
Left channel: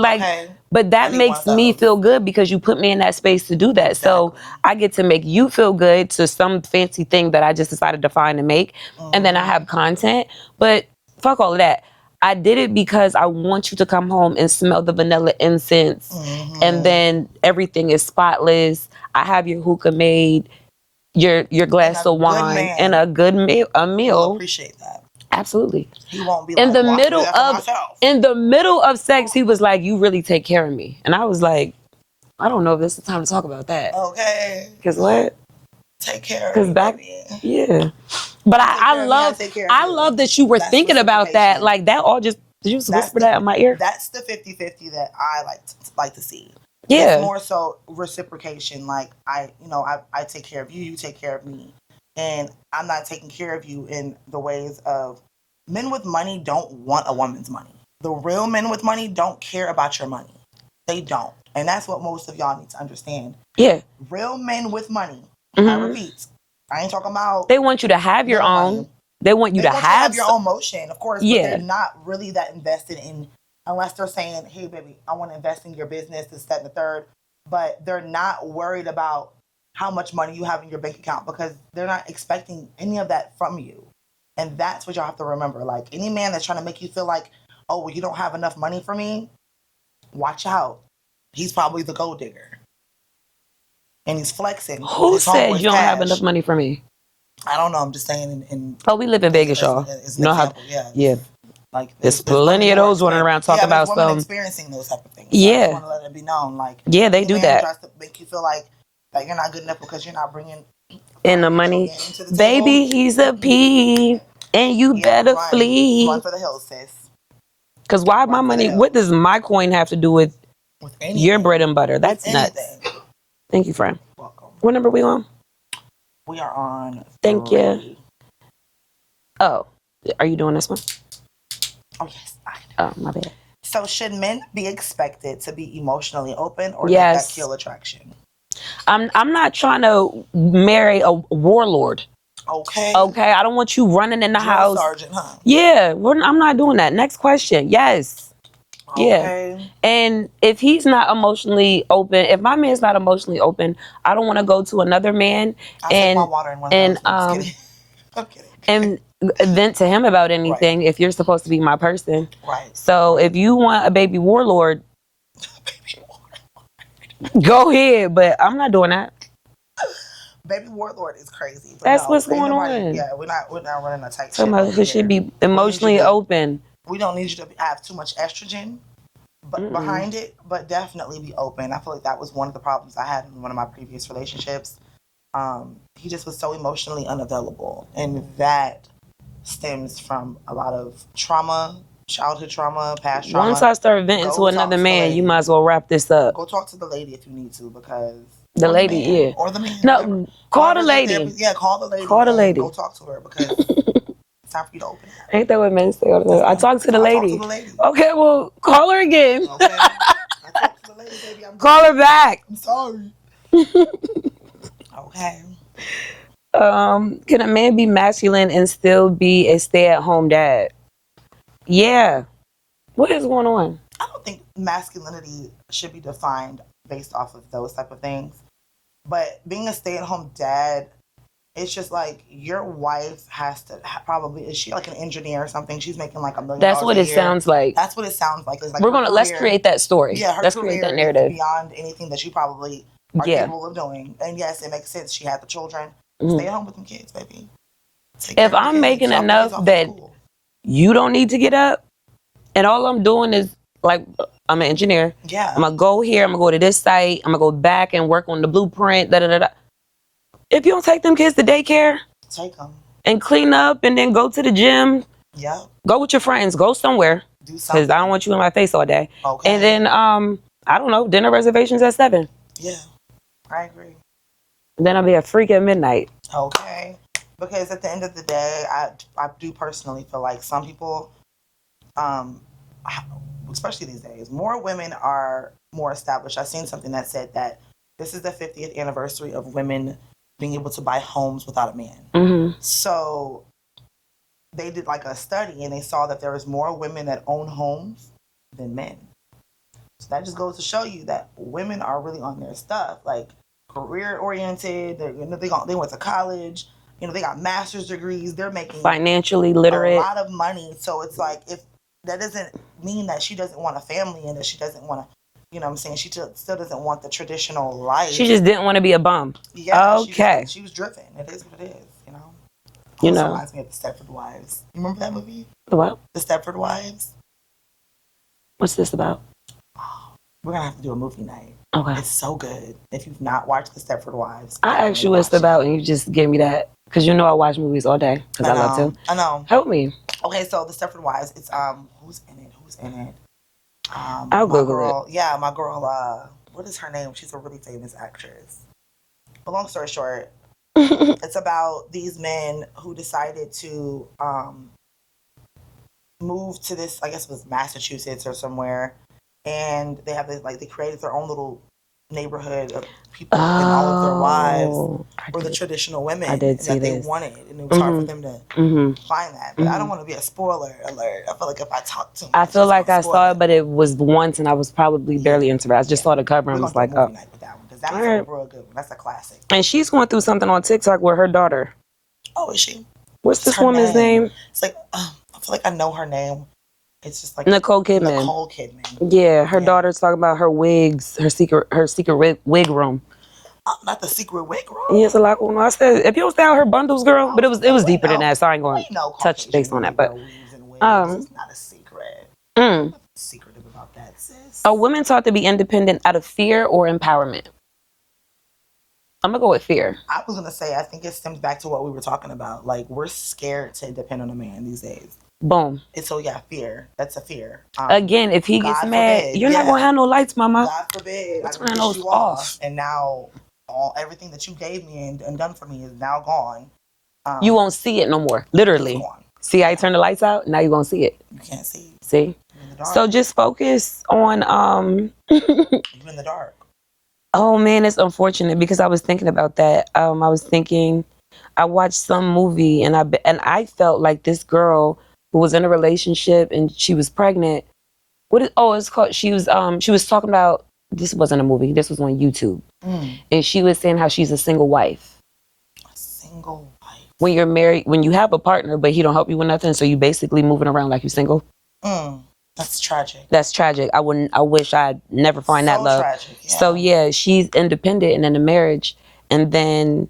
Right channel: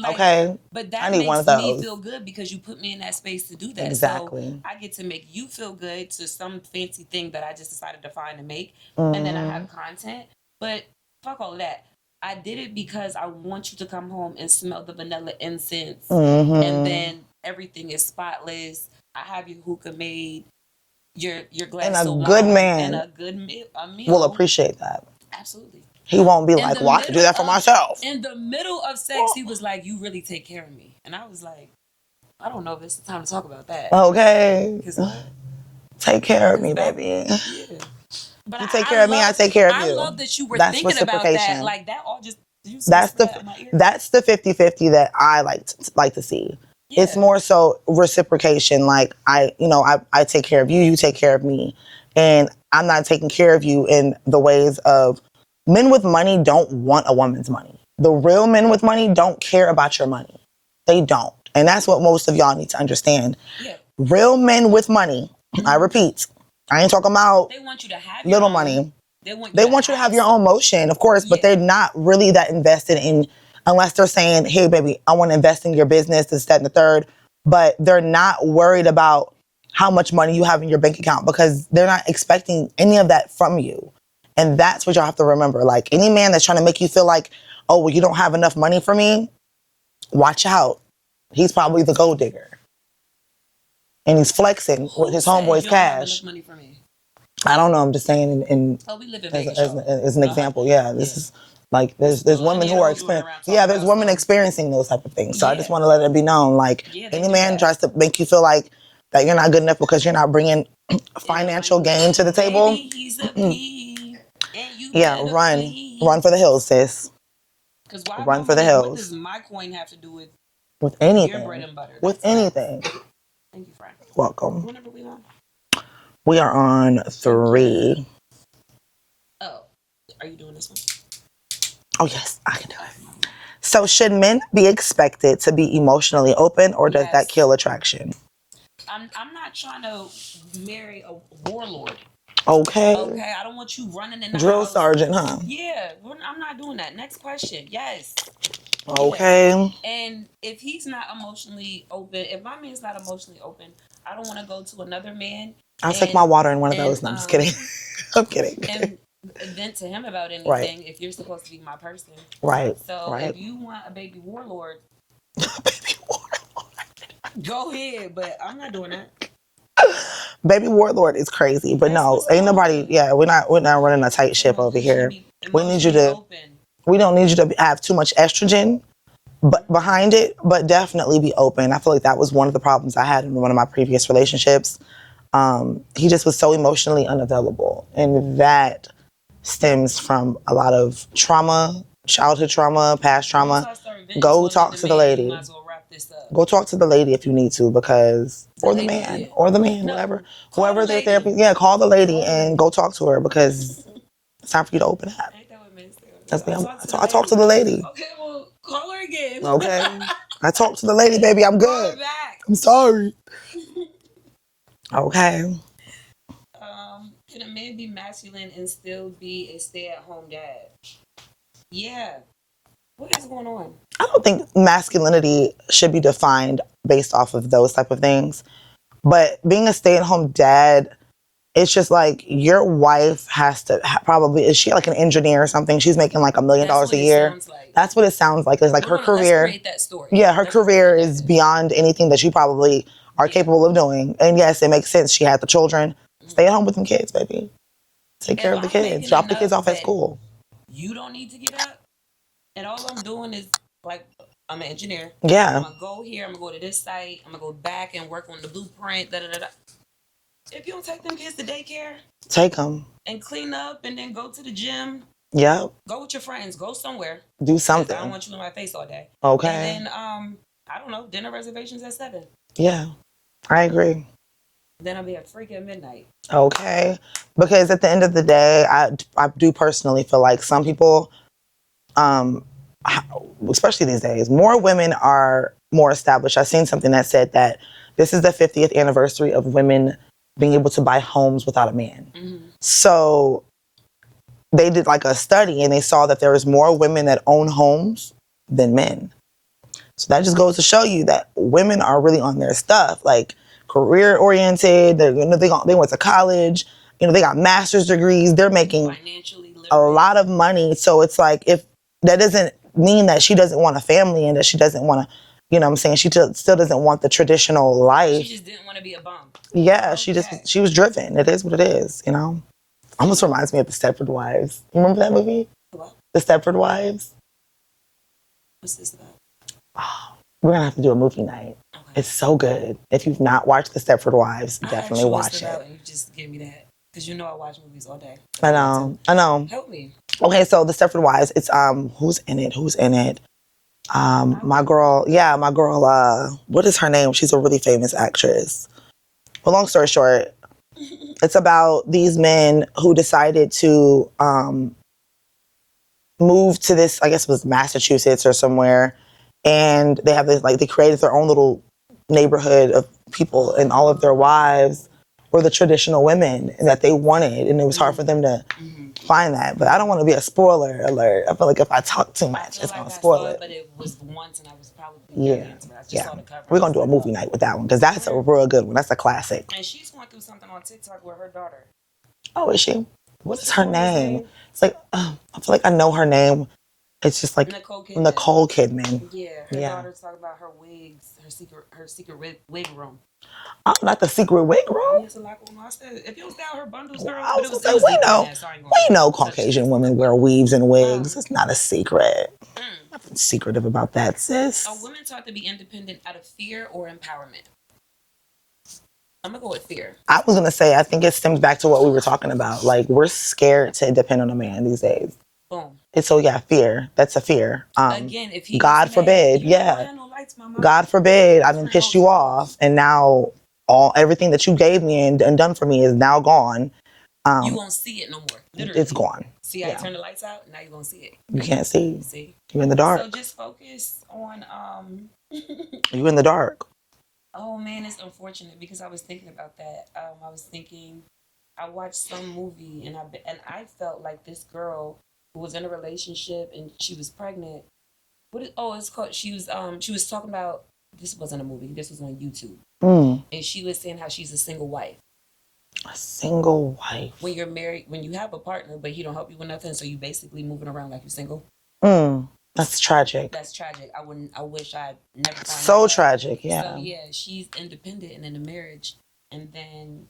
But that makes me feel good because you put me in that space to do that. Exactly. So I get to make you feel good to some fancy thing that I just decided to find and make. And then I have content. But fuck all of that. I did it because I want you to come home and smell the vanilla incense, and then everything is spotless. I have your hookah made, your glass of wine, and a good meal. We'll appreciate that. Absolutely. He won't be like, well, I can do that for myself. In the middle of sex, he was like, you really take care of me. And I was like, I don't know if this is the time to talk about that. Okay. Because what? Take care of me, baby. Yeah. But I take care of you. I love that you were thinking about that. Like, that all just, did you just whisper that in my ear? That's the 50-50 that I like to see. Yeah. It's more so reciprocation. Like, I take care of you, you take care of me. And I'm not taking care of you in the ways of, men with money don't want a woman's money. The real men with money don't care about your money. They don't. And that's what most of y'all need to understand. Yeah. Real men with money, I repeat, I ain't talking about... They want you to have your own money. They want you to have your own motion, of course, but they're not really that invested in, unless they're saying, hey, baby, I want to invest in your business, this, that, and the third. But they're not worried about how much money you have in your bank account because they're not expecting any of that from you. And that's what y'all have to remember. Like, any man that's trying to make you feel like, oh, well, you don't have enough money for me, watch out. He's probably the gold digger. And he's flexing with his homeboy's cash. Who said you don't have enough money for me? I don't know. I'm just saying. Oh, we live in Vegas, y'all. As an example, yeah. There's plenty of those running around talking about there's women some... experiencing those type of things. So I just want to let it be known. Like, yeah, they any do man that. tries to make you feel like that you're not good enough because you're not bringing financial gain to the table. Baby, he's a P, and you better flee. Run for the hills, sis. Because why my money? What does my coin have to do with anything? Your bread and butter? That's nuts. Thank you, friend. Welcome. What number are we on? We are on 3. Oh, are you doing this one? Oh, yes, I can do it. Oh, my bad. So should men be expected to be emotionally open, or does that kill attraction? I'm not trying to marry a warlord. Okay. Okay, I don't want you running in the Drill house. sergeant, huh? Yeah, I'm not doing that. Next question. Yes. Okay. Yeah. And if he's not emotionally open, if my man's not emotionally open, I don't want to go to another man. I'll take my water in one of those. No, I'm just kidding. I'm kidding. And vent to him about anything if you're supposed to be my person. Right. So if you want a baby warlord, go ahead. But I'm not doing that. Baby warlord is crazy, but That's no, ain't nobody. On. Yeah, we're not running a tight ship over here. Should be emotionally open. We don't need you to have too much estrogen, but behind it, but definitely be open. I feel like that was one of the problems I had in one of my previous relationships. He just was so emotionally unavailable, and that stems from a lot of trauma, childhood trauma, past trauma. Once I start venting to another man, you might as well wrap this up. Go talk to the lady if you need to, because the lady, or the man, whatever. Call the lady. Yeah, call the lady and go talk to her, because it's time for you to open up. Ain't that what men say all the time? I talk to the lady. I talk to the lady. Okay, well, call her again. Okay. I talked to the lady, baby. I'm good. Call her back. I'm sorry. Okay. Can a man be masculine and still be a stay-at-home dad? Yeah. What is going on? I don't think masculinity should be defined based off of those type of things. But being a stay-at-home dad, it's just like your wife has to probably, is she like an engineer or something? She's making like $1 million a year. That's what it sounds like. That's what it sounds like. It's like let's create that story. Yeah, her career is beyond anything that you probably are capable of doing. And yes, it makes sense. She had the children. Stay at home with them kids, baby. Take care of the kids. If I'm making enough that you don't need to get up, and all I'm doing is, like, I'm an engineer. Yeah. I'm going to go here. I'm going to go to this site. I'm going to go back and work on the blueprint. If you don't take them kids to daycare. Take them. And clean up and then go to the gym. Yeah. Go with your friends. Go somewhere. Do something. Because I don't want you in my face all day. Okay. And then, I don't know, dinner reservations at 7. Yeah. I agree. Then I'll be a freak at midnight. Okay. Because at the end of the day, I do personally feel like some people, especially these days, more women are more established. I've seen something that said that this is the 50th anniversary of women being able to buy homes without a man. Mm-hmm. So they did like a study and they saw that there was more women that own homes than men. So that just goes to show you that women are really on their stuff, like career oriented. They went to college. They got master's degrees. They're making financially literate, a lot of money. So it's like, if that doesn't mean that she doesn't want a family and that she doesn't want to, you know what I'm saying? She still doesn't want the traditional life. She just didn't want to be a bum. Yeah, okay. She was driven. It is what it is, Almost reminds me of the Stepford Wives. You remember that movie? The what? The Stepford Wives. What's this about? We're going to have to do a movie night. Okay. It's so good. If you've not watched the Stepford Wives, I asked you what's about and you just gave me that. Because I watch movies all day. I know. Help me. Okay, so the Stepford Wives, it's, who's in it? My girl, what is her name? She's a really famous actress. Well, long story short, it's about these men who decided to move to this, I guess it was Massachusetts or somewhere, and they have this, like, they created their own little neighborhood of people, and all of their wives were the traditional women that they wanted, and it was hard for them to find that. But I don't want to be a spoiler alert. I feel like if I talk too much, I feel like I saw it, but it was once, and I was probably barely into it. I just saw the cover. We're gonna do a movie night with that one, because that's a real good one. That's a classic. And she's going through something on TikTok with her daughter. Oh, is she? What's this woman's name? It's like, I feel like I know her name. It's like Nicole Kidman. Yeah, her daughter's talking about her wigs, her secret wig room. I'm not the secret wig roll. Yeah, it's a lot going on. I said, if you don't stay out her bundles, girl, but it was deeper than that, so I ain't going We know to touch Caucasian base on women that. wear But weaves and wigs. It's not a secret. Nothing secretive about that, sis. are women taught to be independent out of fear or empowerment? I'm going to go with fear. I was going to say, I think it stems back to what we were talking about. Like, we're scared to depend on a man these days. Boom. And so, yeah, fear. That's a fear. Again, if he God gets mad, forbid, you're not going to have no lights, mama. God forbid, I done Turn pissed those you off. off. And now everything that you gave me and done for me is now gone. You won't see it no more. Literally. It's gone. See how you turn the lights out? Now you're going to see it. You can't see. See? You're in the dark. So just focus on... You're in the dark. Oh, man, it's unfortunate because I was thinking about that. I was thinking... I watched some movie and I felt like this girl who was in a relationship and she was pregnant. It's called... She was talking about... This wasn't a movie. This was on YouTube. And she was saying how she's a single wife. A single wife. When you're married, when you have a partner, but he don't help you with nothing, so you basically moving around like you're single. That's tragic. That's tragic. I wish I'd never find that love. So tragic, yeah. So yeah, she's independent and in a marriage, and then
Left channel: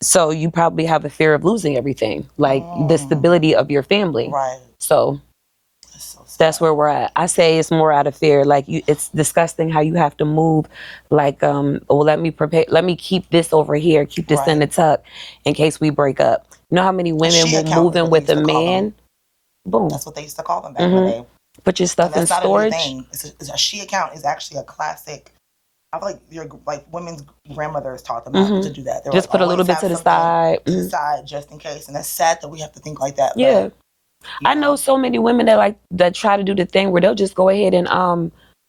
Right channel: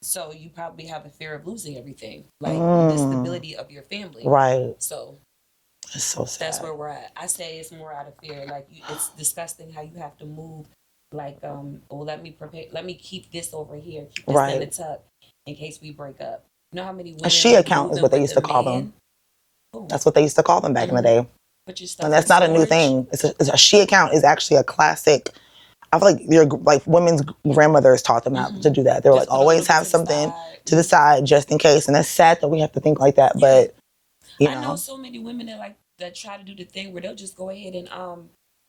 so you probably have a fear of losing everything, like the stability of your family. Right. So it's so sad. That's where we're at. I say it's more out of fear. Like it's disgusting how you have to move. Like, let me keep this over here, keep this in the tuck, in case we break up. You know how many women were moving with a man? Boom. That's what they used to call them back in the day. Put your stuff and in storage. That's not a new thing. It's a she account is actually a classic. I feel like women's grandmothers taught them how to do that. They were just like, put always a little have bit to something the side. to the side just in case. And that's sad that we have to think like that. Yeah. But I know so many women that try to do the thing where they'll just go ahead and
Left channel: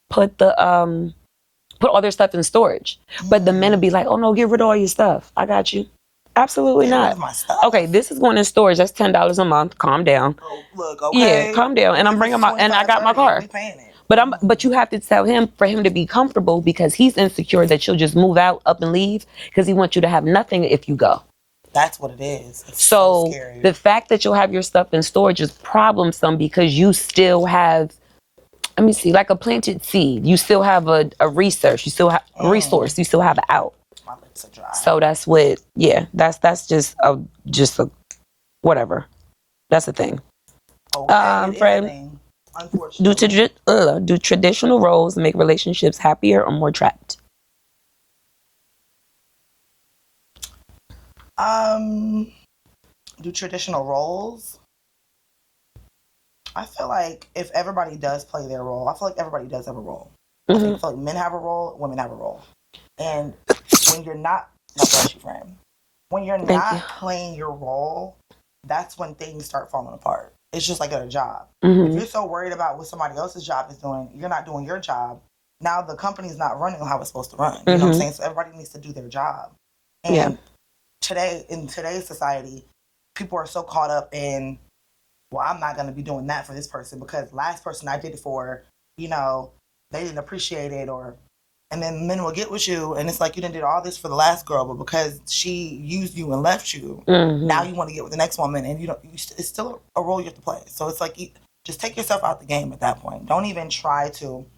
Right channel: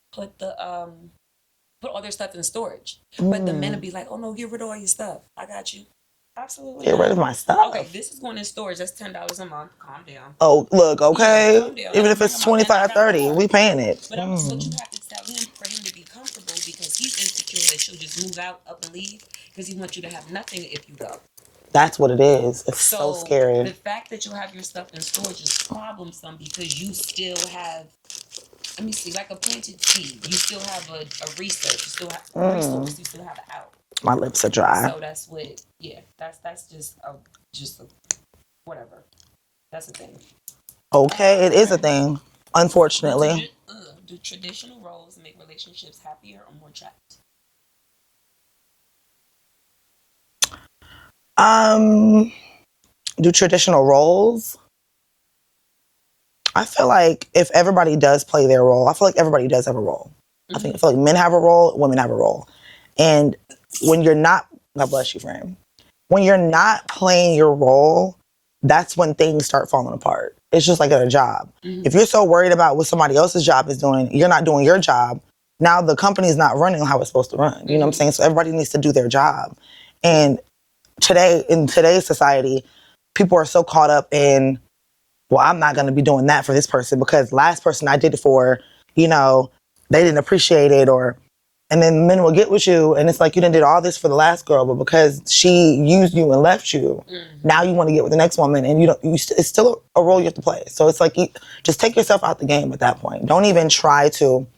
put all their stuff in storage. But the men will be like, "Oh no, get rid of all your stuff. I got you." Absolutely get not. rid of my stuff. Okay, this is going in storage. That's $10 a month. Calm down. Oh, look, okay. Yeah, calm down. Even and I'm if bringing it's my and I got 30, my car. we paying it. But you have to tell him for him to be comfortable because he's insecure that you'll just move out, up and leave because he wants you to have nothing if you go. That's what it is. It's so scary. The fact that you'll have your stuff in storage is problemsome because you still have, let me see, like a planted seed. You still have a research. You still have a resource. You still have an out. My lips are dry. So that's what, that's just a whatever. That's a thing. Okay, it is a thing. Unfortunately. Do traditional roles make relationships happier or more trapped? Do traditional roles? I feel like if everybody does play their role, I feel like everybody does have a role. I feel like men have a role, women have a role. And when you're not, God bless you, friend. When you're not playing your role, that's when things start falling apart. It's just like at a job. If you're so worried about what somebody else's job is doing, you're not doing your job. Now the company's not running how it's supposed to run. You know what I'm saying? So everybody needs to do their job. And in today's society, people are so caught up in, well, I'm not going to be doing that for this person because last person I did it for, they didn't appreciate it and then men will get with you and it's like you done did all this for the last girl, but because she used you and left you, now you want to get with the next woman and it's still a role you have to play. So it's like, just take yourself out the game at that point. Don't even try to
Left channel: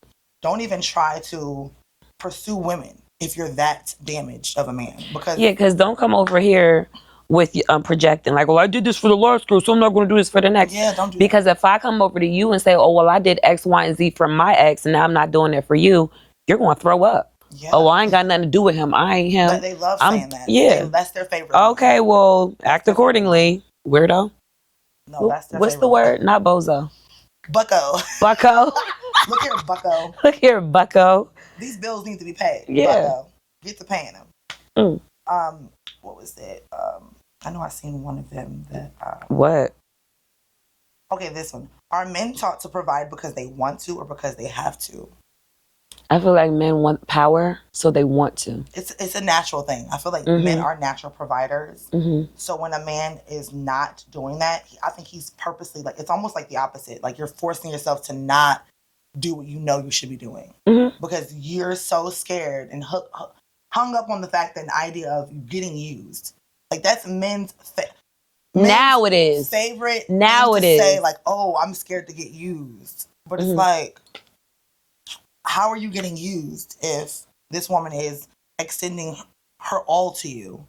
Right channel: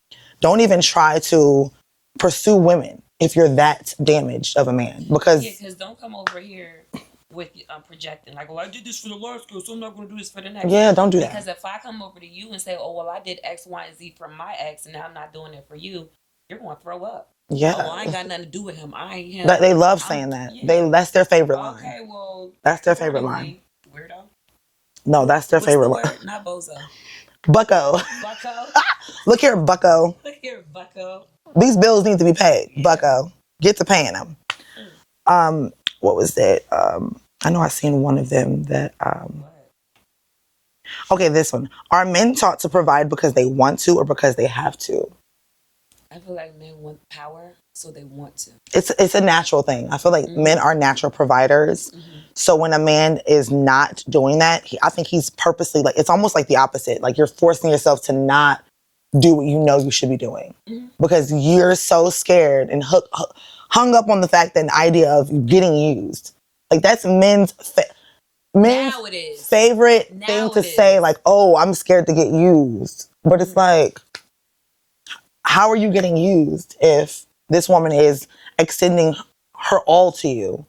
pursue women if you're that damaged of a man. Because don't come over here with projecting like, well, I did this for the last girl, so I'm not going to do this for the next. Yeah, don't do that. Because if I come over to you and say, oh, well, I did X, Y, and Z for my ex, and now I'm not doing it for you, you're going to throw up. Yeah. Oh, I ain't got nothing to do with him. I ain't him. They love saying that. Yeah. That's their favorite line. Okay, well, act accordingly. Weirdo. No, that's their favorite What's the line. word? Not bozo. Bucko. Bucko. Look here, Bucko. Look here, Bucko. These bills need to be paid. Yeah. Bucko. Get to paying them. What was that? I know I seen one of them that... What? Okay, this one. Are men taught to provide because they want to or because they have to? I feel like men want power, so they want to. It's a natural thing. I feel like men are natural providers. So when a man is not doing that, I think he's purposely, like, it's almost like the opposite. Like, you're forcing yourself to not do what you know you should be doing. Because you're so scared and hung up on the fact that the idea of getting used. Like, that's men's now it is favorite now thing to say, like, oh, I'm scared to get used. But it's like, how are you getting used if this woman is extending her all to you,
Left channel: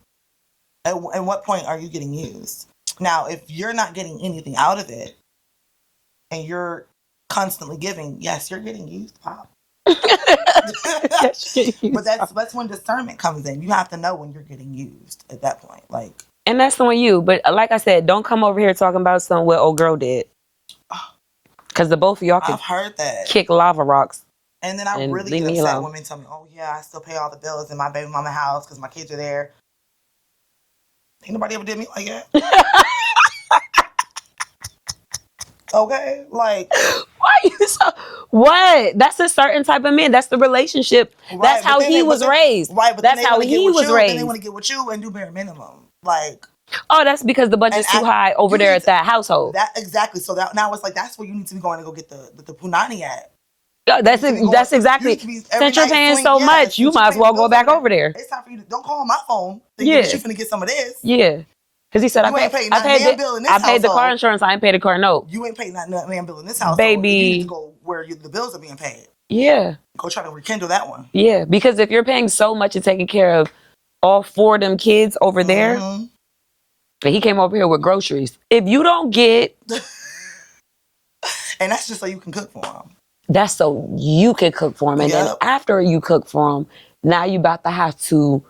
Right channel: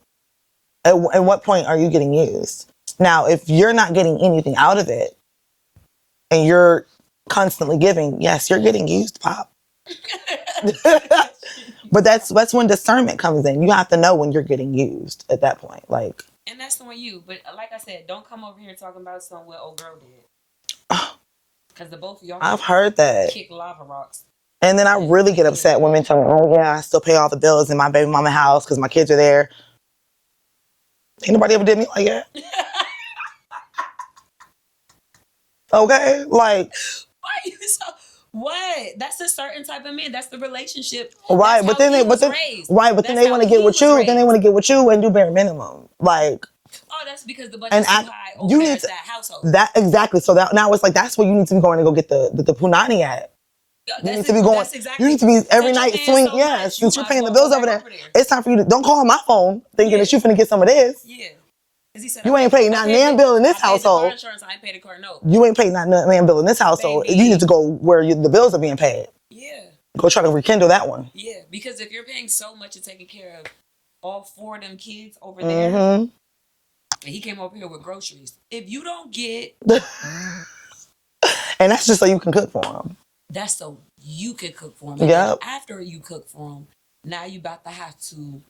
at what point are you getting used? Now, if you're not getting anything out of it and you're constantly giving, yes, you're getting used, Pop. But that's when discernment comes in. You have to know when you're getting used at that point. Like, and that's on you. But like I said, don't come over here talking about something what old girl did. Because the both of y'all I've heard that. Kick lava rocks. And then I really get upset when women tell me, oh yeah, I still pay all the bills in my baby mama house because my kids are there. Ain't nobody ever did me like that. Okay? Like, why you so... What? That's a certain type of man. That's the relationship. Right, that's how he was raised. Right, but that's then they want to get with you. Raised. Then they want to get with you and do bare minimum. Like, oh, that's because the budget's too high over there at that household. That exactly. So that now it's like that's where you need to be going to go get the punani at. That's exactly. You need to be every Since you're paying so much, you might as well go back over there. It's time for you to don't call my phone thinking that you're finna get some of this. Yeah. Because he said, you ain't paid not man bill in this household. I paid the car insurance. I ain't paid the car note. You ain't paid not man bill in this household. Baby. You need to go where the bills are being paid. Yeah. Go try to rekindle that one. Yeah. Because if you're paying so much and taking care of all 4 of them kids over there, and he came over here with groceries. If you don't get... and that's just so you can cook for him. That's so you can cook for him. And then after you cook for him, now you about to have to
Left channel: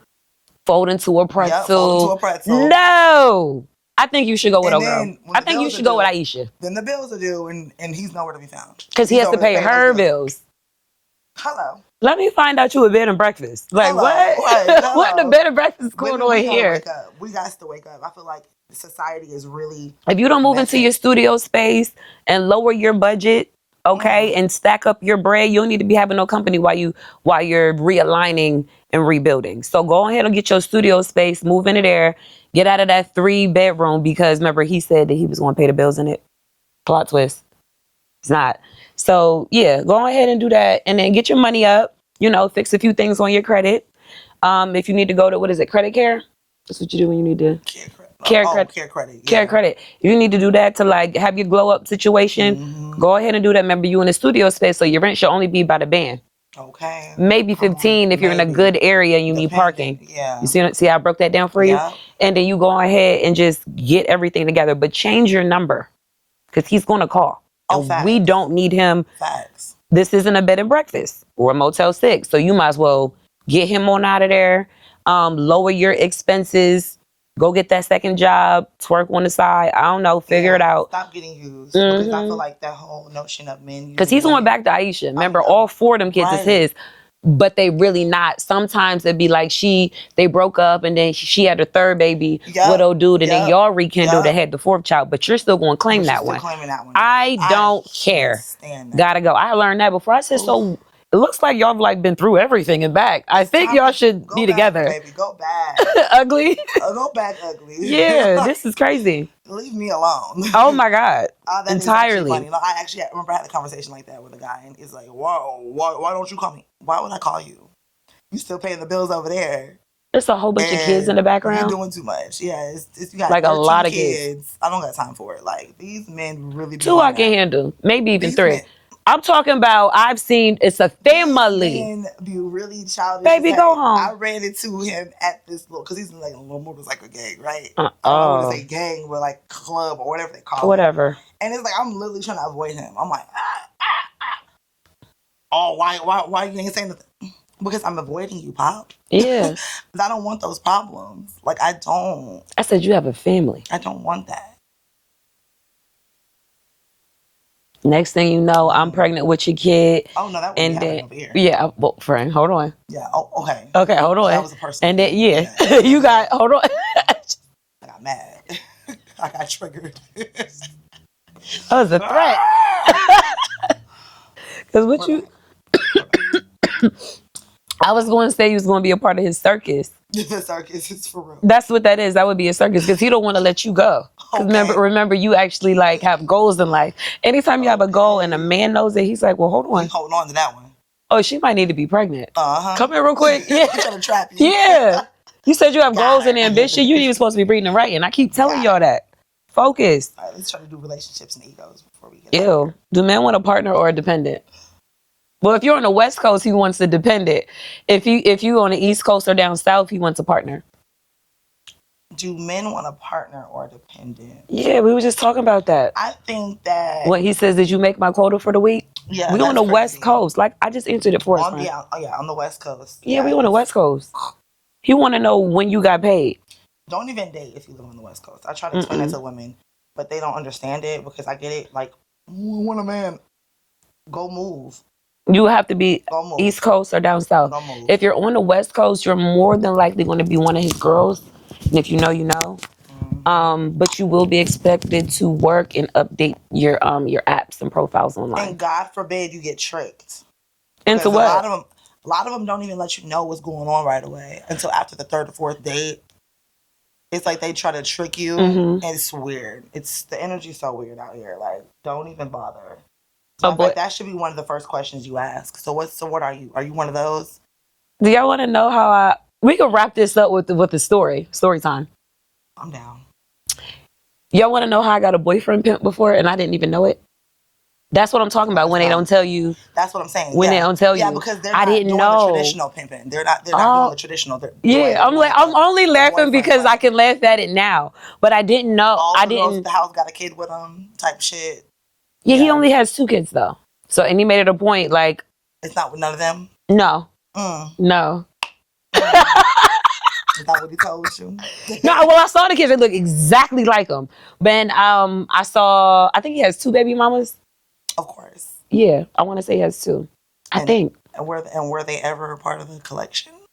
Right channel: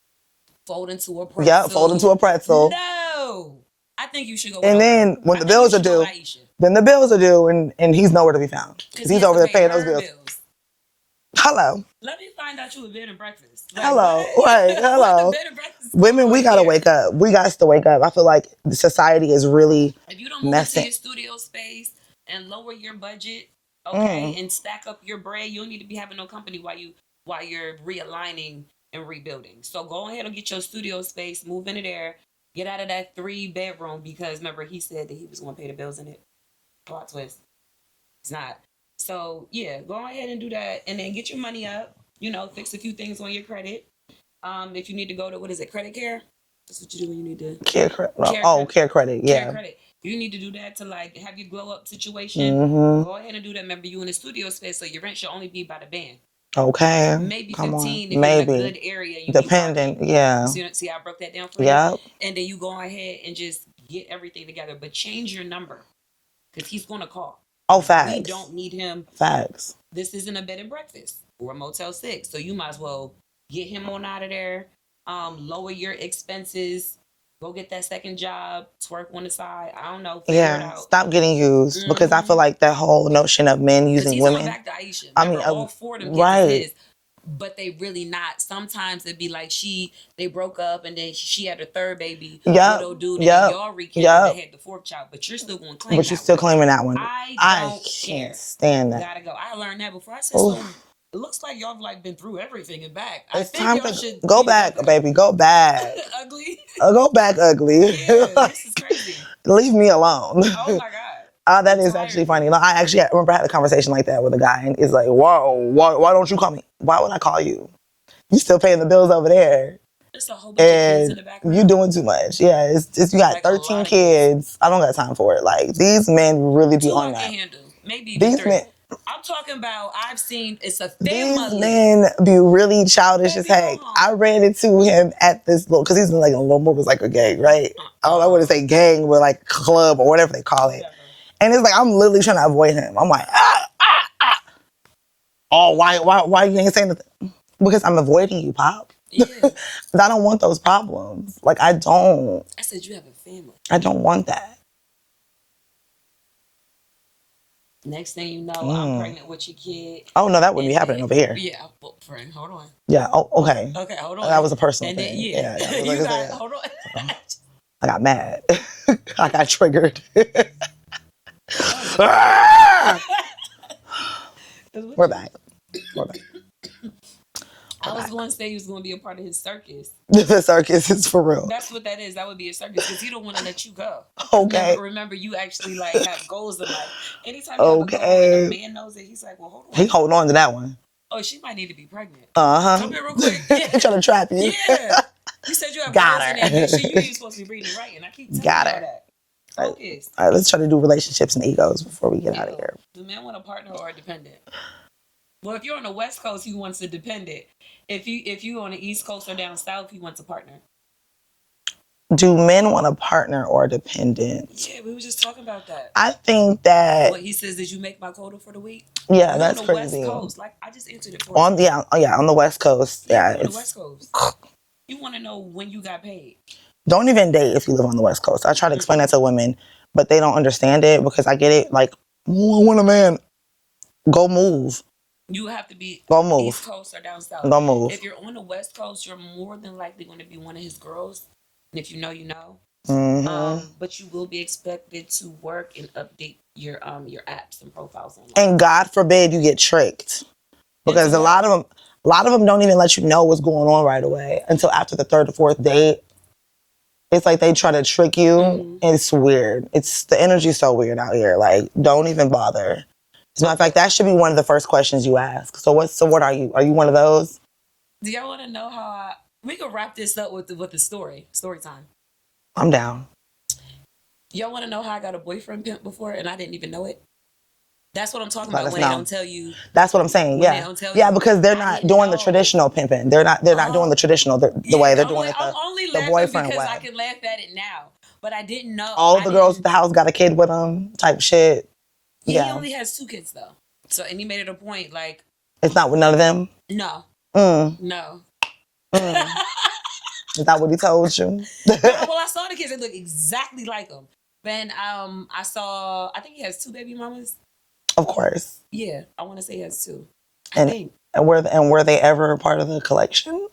fold into a pretzel. Yeah, fold into a pretzel. No! I think you should go with when the bills are due, go with Aisha. Then the bills are due and he's nowhere to be found. Because he has to pay her bills. Hello. Let me find out you a bed and breakfast. Like, hello. what? Right, what the bed and breakfast going Women, we gotta here? wake up. We got to wake up. I feel like society is really... If you don't move into your studio space and lower your budget, okay, and stack up your bread, you don't need to be having no company while you're realigning and rebuilding. So go ahead and get your studio space, move into there, get out of that 3-bedroom because remember he said that he was going to pay the bills in it. Plot twist. He's not. So yeah, go ahead and do that and then get your money up, fix a few things on your credit. If you need to go to, credit care? That's what you do when you need to... Care credit. Yeah. Care credit. If you need to do that to have your glow up situation, go ahead and do that. Remember, you in a studio space, so your rent should only be by the band. Okay. Maybe 15 if you're in a good area and you need parking. Yeah. You see how I broke that down for you? And then you go ahead and just get everything together. But change your number because he's going to call. Oh, facts. We don't need him. Facts. This isn't a bed and breakfast or a Motel 6. So you might as well get him on out of there. Lower your expenses. Go get that second job. Twerk on the side. I don't know. Figure it out. Stop getting used because I feel like that whole notion of men using because he's women, going back to Aisha. Remember, all 4 of them kids is his. But they really not. Sometimes it'd be like they broke up and then she had her 3rd baby with old dude and then y'all rekindled and had the 4th child. But you're still going to claim that one. Still claiming that one. I don't care. Stand that. Gotta go. I learned that before. I said, so it looks like y'all have been through everything and back. I think y'all should go be back, together. Baby, go back. Ugly. Go back ugly. Yeah, this is crazy. Leave me alone. Oh my God. That is actually funny. I remember I had a conversation like that with a guy and it's like, whoa, why don't you call me? Why would I call you? You still paying the bills over there. There's a whole bunch of kids in the background. You're doing too much. Yeah, it's you got like 13 a lot of kids. I don't got time for it. Like these men really be 2 I can handle. Maybe even these 3. Men, I'm talking about I've seen it's a family. These men be really childish. Baby, as heck. go home. I ran into him at this little because he's in like a little movie, like a gang, right? I don't want to say gang, but like club or whatever they call it. Whatever. And it's like I'm literally trying to avoid him. I'm like, oh, why you ain't saying nothing? Because I'm avoiding you, Pop. Yeah. I don't want those problems. Like, I don't. I said you have a family. I don't want that. Next thing you know, I'm pregnant with your kid. Oh, no, that wouldn't be happening over here. Yeah, well, friend, hold on. Yeah, okay. Okay, hold on. That was a personal And then, thing. you got, hold on. I got mad. I got triggered. That was a threat. Because what We're back. I was going to say you was going to be a part of his circus. The circus is for real. That's what that is. That would be a circus because he don't want to let you go. Okay. Remember, you actually have goals in life. Anytime you have a goal and a man knows it, he's like, well, hold on. He holding on to that one. Oh, she might need to be pregnant. Come here real quick. Yeah. Trying to trap you. Yeah. You said you have goals and ambition. You ain't even supposed to be reading and writing. I keep telling y'all that. Focus. All right, let's try to do relationships and egos before we get out of here. Do men want a partner or a dependent? Well, if you're on the West Coast, he wants a dependent. If you on the East Coast or down South, he wants a partner. Do men want a partner or a dependent? Yeah, we were just talking about that. I think that when he says, "Did you make my quota for the week?" Yeah, we that's on the crazy. West Coast. Like I just answered it for on us. on the West Coast. Yeah, we on the West Coast. He want to know when you got paid. Don't even date if you live on the West Coast. I try to explain that to women, but they don't understand it because I get it. Like, I want a man. Go move. You have to be Go move. East Coast or down South. Go move. If you're on the West Coast, you're more than likely going to be one of his girls. And if you know, you know. But you will be expected to work and update your apps and profiles online. And God forbid you get tricked, because a lot of them don't even let you know what's going on right away until after the third or fourth date. It's like they try to trick you. And it's weird. The energy's so weird out here. Like, don't even bother. As a matter of fact, that should be one of the first questions you ask. So what are you? Are you one of those? Do y'all want to know how we can wrap this up with the story time? I'm down. Y'all want to know how I got a boyfriend pimp before and I didn't even know it? That's what I'm talking about when they don't tell you. That's what I'm saying. When they don't tell you. Yeah, because they're not doing the traditional pimping. They're not doing the traditional the way they're doing it. I'm only laughing because I can laugh at it now. But I didn't know. All the girls at the house got a kid with them type shit. Yeah, he only has 2 kids though. So, and he made it a point like. It's not with none of them? No. No. Is that what he told you? No, well, I saw the kids. They look exactly like him. Then I think he has 2 baby mamas. Of course. Yeah, I want to say he has 2. I think. And were they ever part of the collection?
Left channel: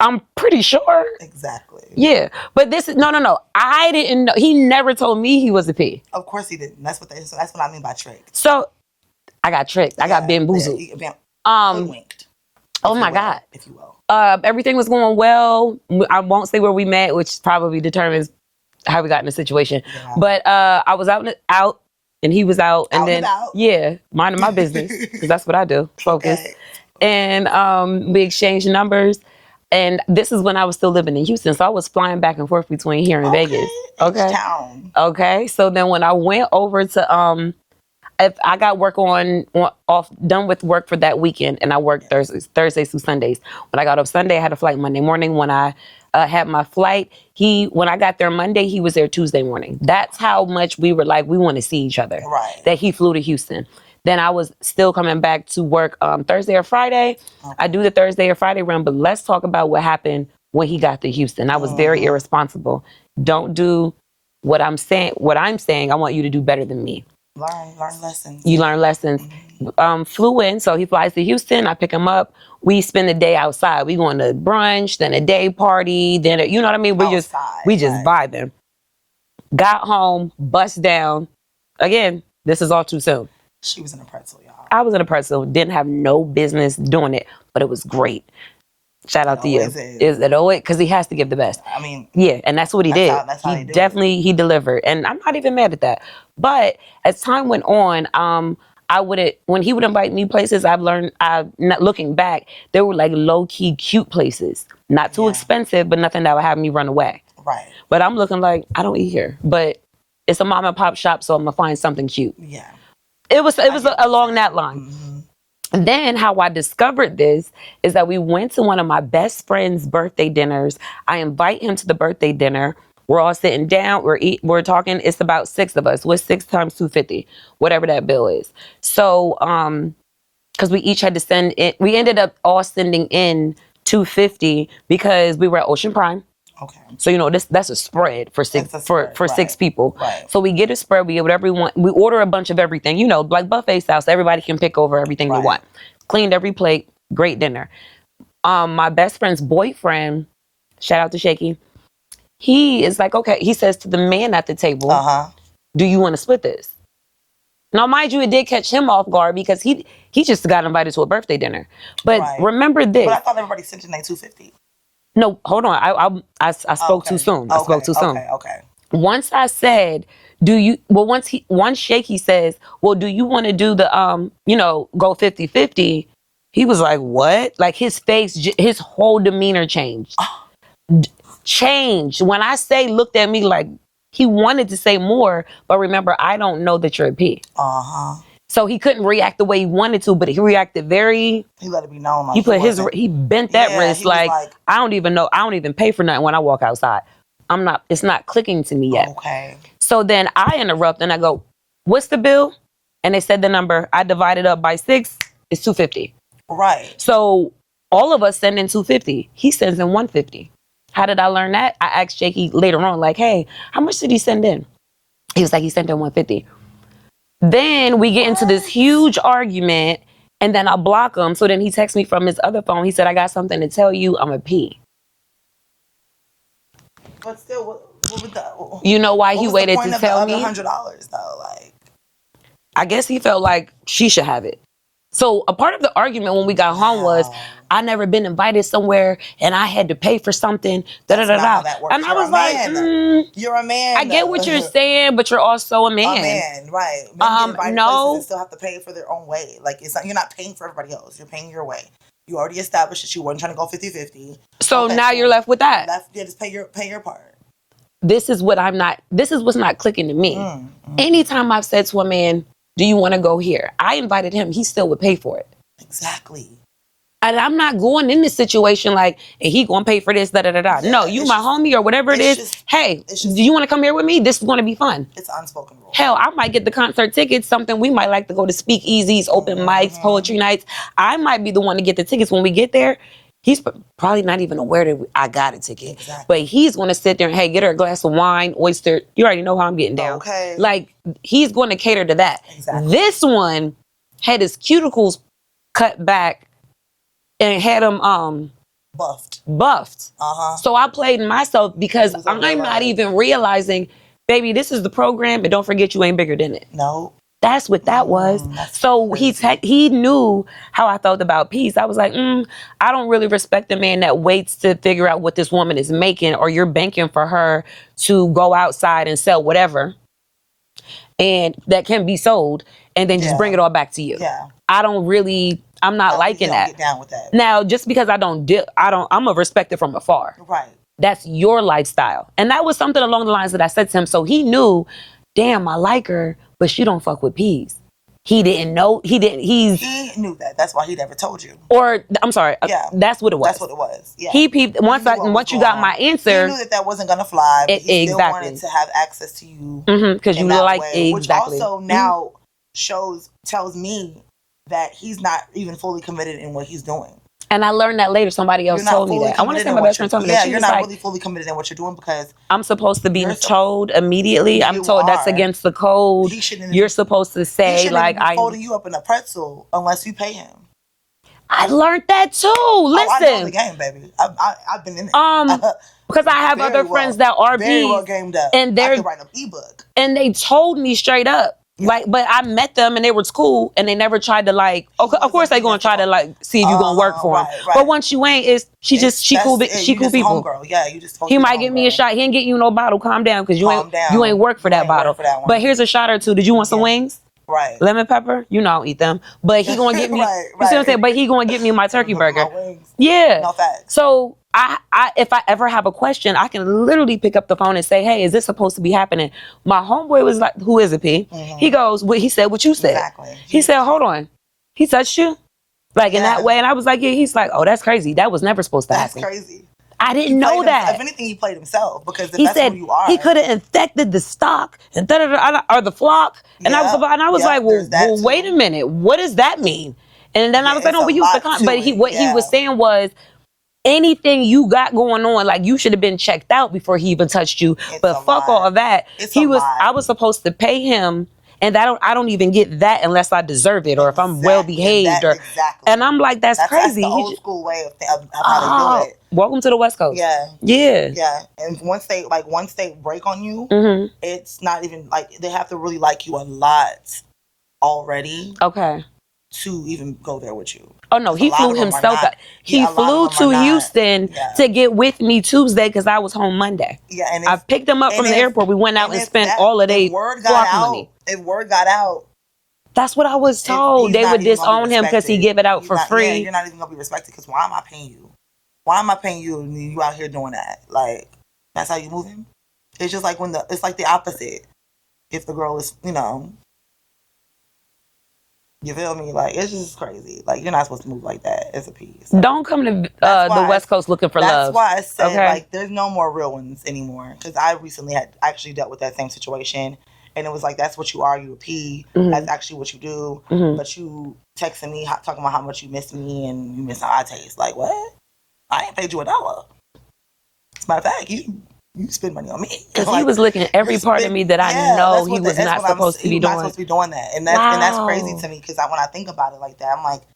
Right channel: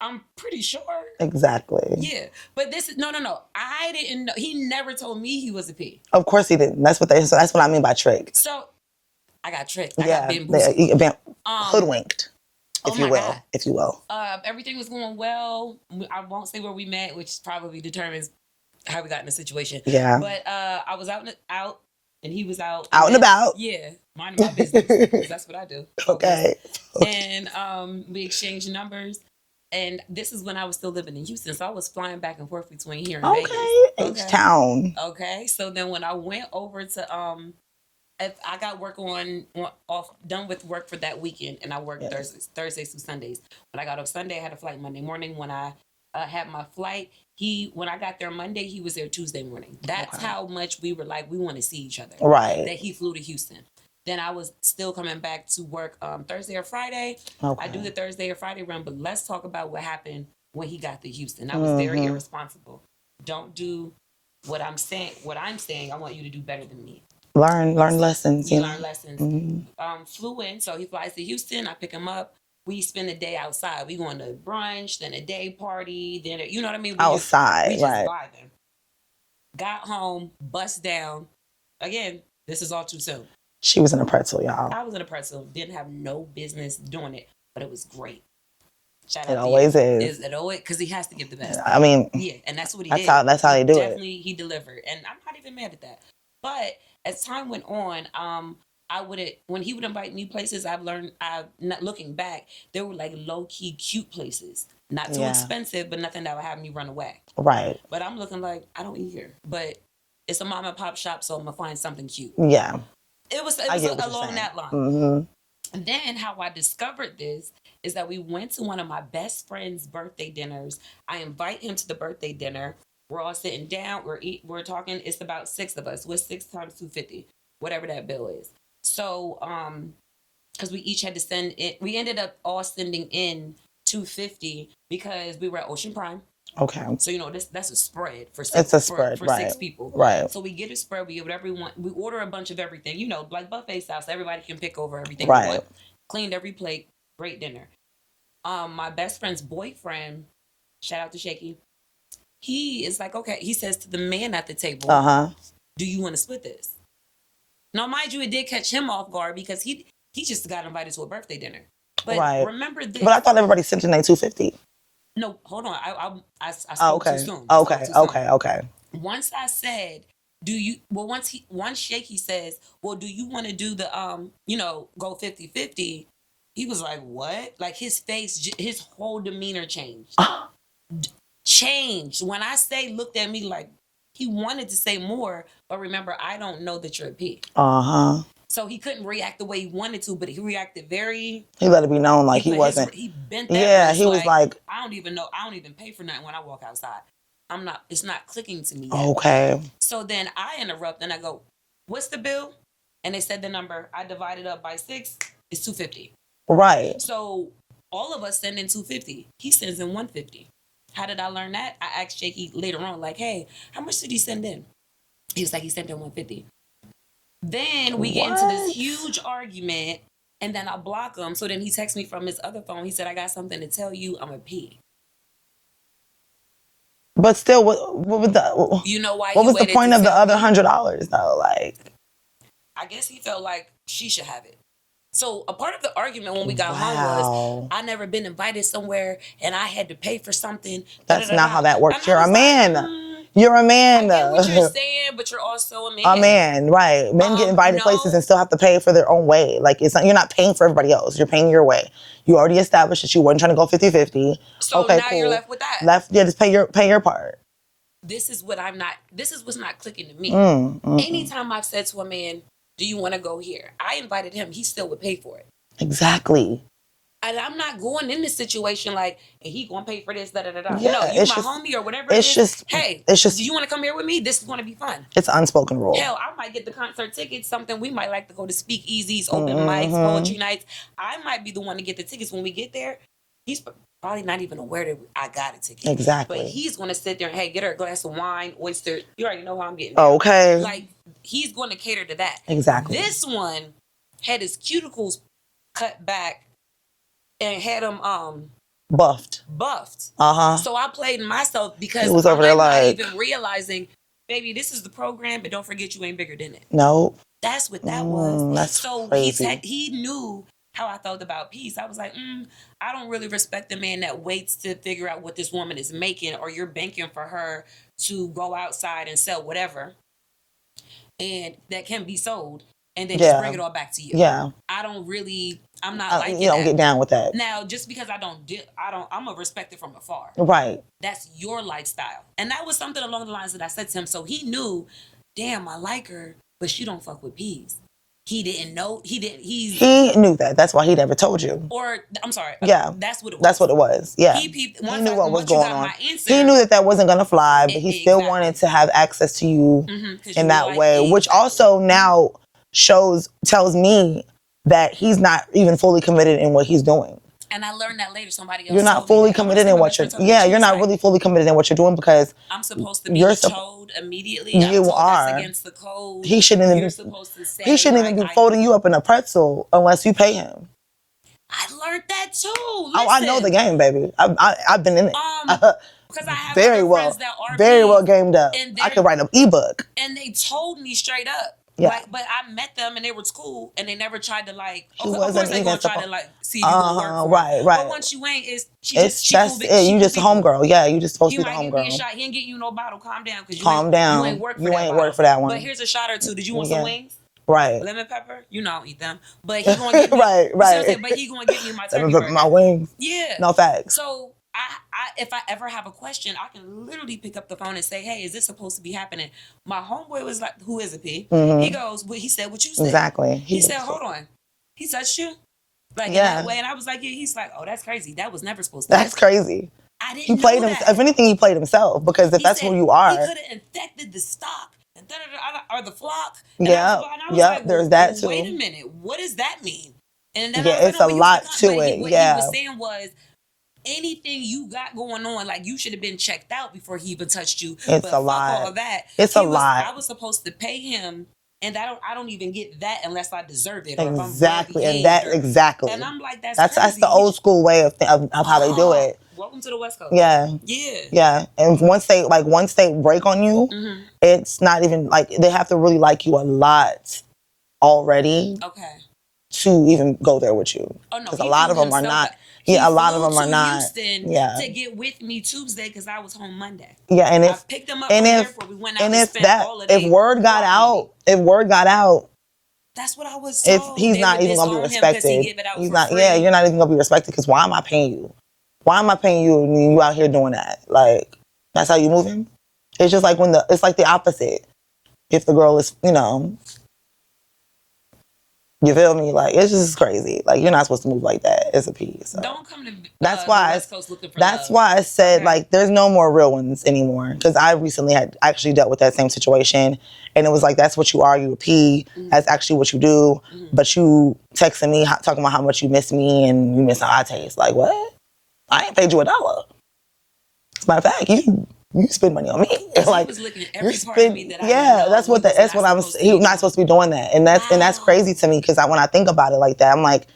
I'm pretty sure. Exactly. Yeah, but no. I didn't know. He never told me he was a P. Of course he didn't. That's what I mean by tricked. So, I got tricked. I got bamboozled. Hoodwinked. Oh my God. If you will. Everything was going well. I won't say where we met, which probably determines how we got in the situation. Yeah. But I was out and he was out. And about. Yeah, minding my business. Because that's what I do. Focus. Okay. And we exchanged numbers. And this is when I was still living in Houston. So I was flying back and forth between here and Vegas. Okay. H-Town. Okay. So then when I went over to if I got work done with work for that weekend, and I worked Thursdays through Sundays. When I got up Sunday, I had a flight Monday morning. When I had my flight, when I got there Monday, he was there Tuesday morning. That's how much we were like, we want to see each other. Right. That he flew to Houston. Then I was still coming back to work Thursday or Friday. Okay. I do the Thursday or Friday run, but let's talk about what happened when he got to Houston. I was very irresponsible. Don't do what I'm saying. What I'm saying, I want you to do better than me. Learn lessons. You learn lessons. Flew in, so he flies to Houston. I pick him up. We spend the day outside. We going to brunch, then a day party, then you know what I mean. We just vibing. Got home, bust down. Again, this is all too soon. She was in a pretzel, y'all. I was in a pretzel. Didn't have no business doing it, but it was great. Shout out to you. Is it always? Because he has to give the best. I mean, yeah, and that's what he did. That's how he do it. Definitely, he delivered, and I'm not even mad at that. But as time went on, when he would invite me places, I've learned. Not looking back, they were like low key cute places, not too expensive, but nothing that would have me run away. Right. But I'm looking like I don't eat here, but it's a mom and pop shop, so I'm gonna find something cute. Yeah. It was along that line. Mm-hmm. And then how I discovered this is that we went to one of my best friend's birthday dinners. I invite him to the birthday dinner. We're all sitting down. We're talking. It's about 6 of us. What's 6 times 250? Whatever that bill is. So, because we each had to send in. We ended up all sending in $250 because we were at Ocean Prime. Okay. So that's a spread for 6 for 6 people. Right. So we get a spread. We get whatever we want. We order a bunch of everything. Like buffet style. So everybody can pick over everything we want. Cleaned every plate. Great dinner. My best friend's boyfriend, shout out to Shaky. He is like, okay. He says to the man at the table, "Do you want to split this?" Now, mind you, it did catch him off guard because he just got invited to a birthday dinner. But remember this. But I thought everybody sent in their $250. No, hold on. I spoke too soon. I spoke too soon. Okay. Once I said, once Shaky says, well, do you want to do the, go 50-50? He was like, what? Like his face, his whole demeanor changed. Changed. When I say looked at me like he wanted to say more, but remember, I don't know that you're a P. So he couldn't react the way he wanted to, but he reacted very. He let it be known like he bent that wrist he was like, I don't even know. I don't even pay for nothing when I walk outside. It's not clicking to me yet. Okay. So then I interrupt and I go, what's the bill? And they said the number. I divided up by 6. It's $250. Right. So all of us send in $250. He sends in $150. How did I learn that? I asked Jakey later on, like, hey, how much did he send in? He was like, he sent in $150. Then we get into this huge argument, and then I block him. So then he texts me from his other phone. He said, I got something to tell you. I'm a pee. But still, what would the... You know why he waited to tell me? What was the point of the other $100, though? Like, I guess he felt like she should have it. So a part of the argument when we got home was, I never been invited somewhere and I had to pay for something. That's not how that works. And you're a man. You're a man. I get what you're saying, but you're also a man. A man, right. Men get invited places and still have to pay for their own way. Like, it's not, you're not paying for everybody else. You're paying your way. You already established that you weren't trying to go 50-50. So okay, now you're left with that. Just pay your part. This is what's not clicking to me. Anytime I've said to a man, do you want to go here? I invited him. He still would pay for it. Exactly. And I'm not going in this situation like, and he going to pay for this, da-da-da-da. Yeah, no, you my homie or whatever it is. Hey, do you want to come here with me? This is going to be fun. It's an unspoken rule. Hell, I might get the concert tickets, something we might like to go to speakeasies, open mics, poetry nights. I might be the one to get the tickets when we get there. He's probably not even aware that I got a ticket. Exactly. But he's going to sit there and, hey, get her a glass of wine, oyster. You already know how I'm getting down. Okay. Like, he's going to cater to that. Exactly. This one had his cuticles cut back and had him buffed. So I played myself because I'm not even realizing, baby, this is the program, but don't forget you ain't bigger than it. No. That's what that was. So he knew how I felt about peace. I was like, I don't really respect the man that waits to figure out what this woman is making, or you're banking for her to go outside and sell whatever, and that can be sold, and then just bring it all back to you. Yeah. I'm not liking that. You don't get down with that. Now, just because I'm gonna respect it from afar. Right. That's your lifestyle. And that was something along the lines that I said to him. So he knew, damn, I like her, but she don't fuck with peas. He didn't know. He knew that. That's why he never told you. Or, I'm sorry. Yeah. That's what it was. That's what it was. Yeah. He peeped. Once you got my answer. He knew that wasn't going to fly, but he still wanted to have access to you in that way. Which also now tells me that he's not even fully committed in what he's doing. And I learned that later. Somebody else told me that. You're not really fully committed in what you're doing because I'm supposed to be told immediately. I'm told that's against the code. You're supposed to say, he shouldn't even be folding you up in a pretzel unless you pay him. I learned that too. Listen, I know the game, baby. I've been in it. Because I have other friends that are very well gamed up. And I could write an ebook. And they told me straight up. Yeah. Like, but I met them and they were cool and they never tried to of course they gonna try to see if you gonna work for them. Right. But once you ain't, she cool people. Homegirl. Yeah, you just supposed to be might get me a shot. He ain't get you no bottle. Calm down, because you ain't work for that bottle. But here's a shot or two. Did you want some wings? Right. Lemon pepper? You know I don't eat them. But he gonna get me. Right. You see what I'm saying? But he gonna get me my turkey burger. My wings. Yeah. No facts. So if I ever have a question, I can literally pick up the phone and say, hey, is this supposed to be happening? My homeboy was like, who is it, P? Mm-hmm. He goes, he said what you said. Exactly. He said, hold on. He touched you? Like in that way? And I was like, yeah. He's like, oh, that's crazy. That was never supposed to happen. That's crazy. I didn't know that. If anything, he played himself, because if that's who you are. He could have infected the stock and or the flock. And I was like, well, wait a minute. What does that mean? And then I was like, no, we used to But what he was saying was, anything you got going on, like, you should have been checked out before he even touched you. But fuck all of that. I was supposed to pay him, and I don't even get that unless I deserve it, or if I'm well behaved. Exactly. And I'm like, that's crazy. That's the old school way of how they do it. Welcome to the West Coast. Yeah. Yeah. Yeah. And once they break on you, it's not even like, they have to really like you a lot already. Okay. To even go there with you. Oh no, he flew himself. He flew to Houston to get with me Tuesday because I was home Monday. Yeah, and I picked him up from the airport. We went out and spent all of the If word got out, that's what I was told. They would disown him because he give it out for free. Yeah, you're not even gonna be respected, because why am I paying you? Why am I paying you and you out here doing that? Like, that's how you moving? It's just like it's like the opposite. If the girl is, You feel me? Like, it's just crazy. Like, you're not supposed to move like that as a piece. Don't come to the West Coast looking for love. That's why I said, like, there's no more real ones anymore. Because I recently had actually dealt with that same situation. And it was like, that's what you are. You a P. That's actually what you do. But you texting me, talking about how much you miss me and you miss how I taste. Like, what? I ain't paid you $1. As a matter of fact, you spend money on me. Like, he was looking at every part of me that I know he was not supposed to be doing. Not supposed to be doing that. And that's crazy to me because when I think about it like that, I'm like,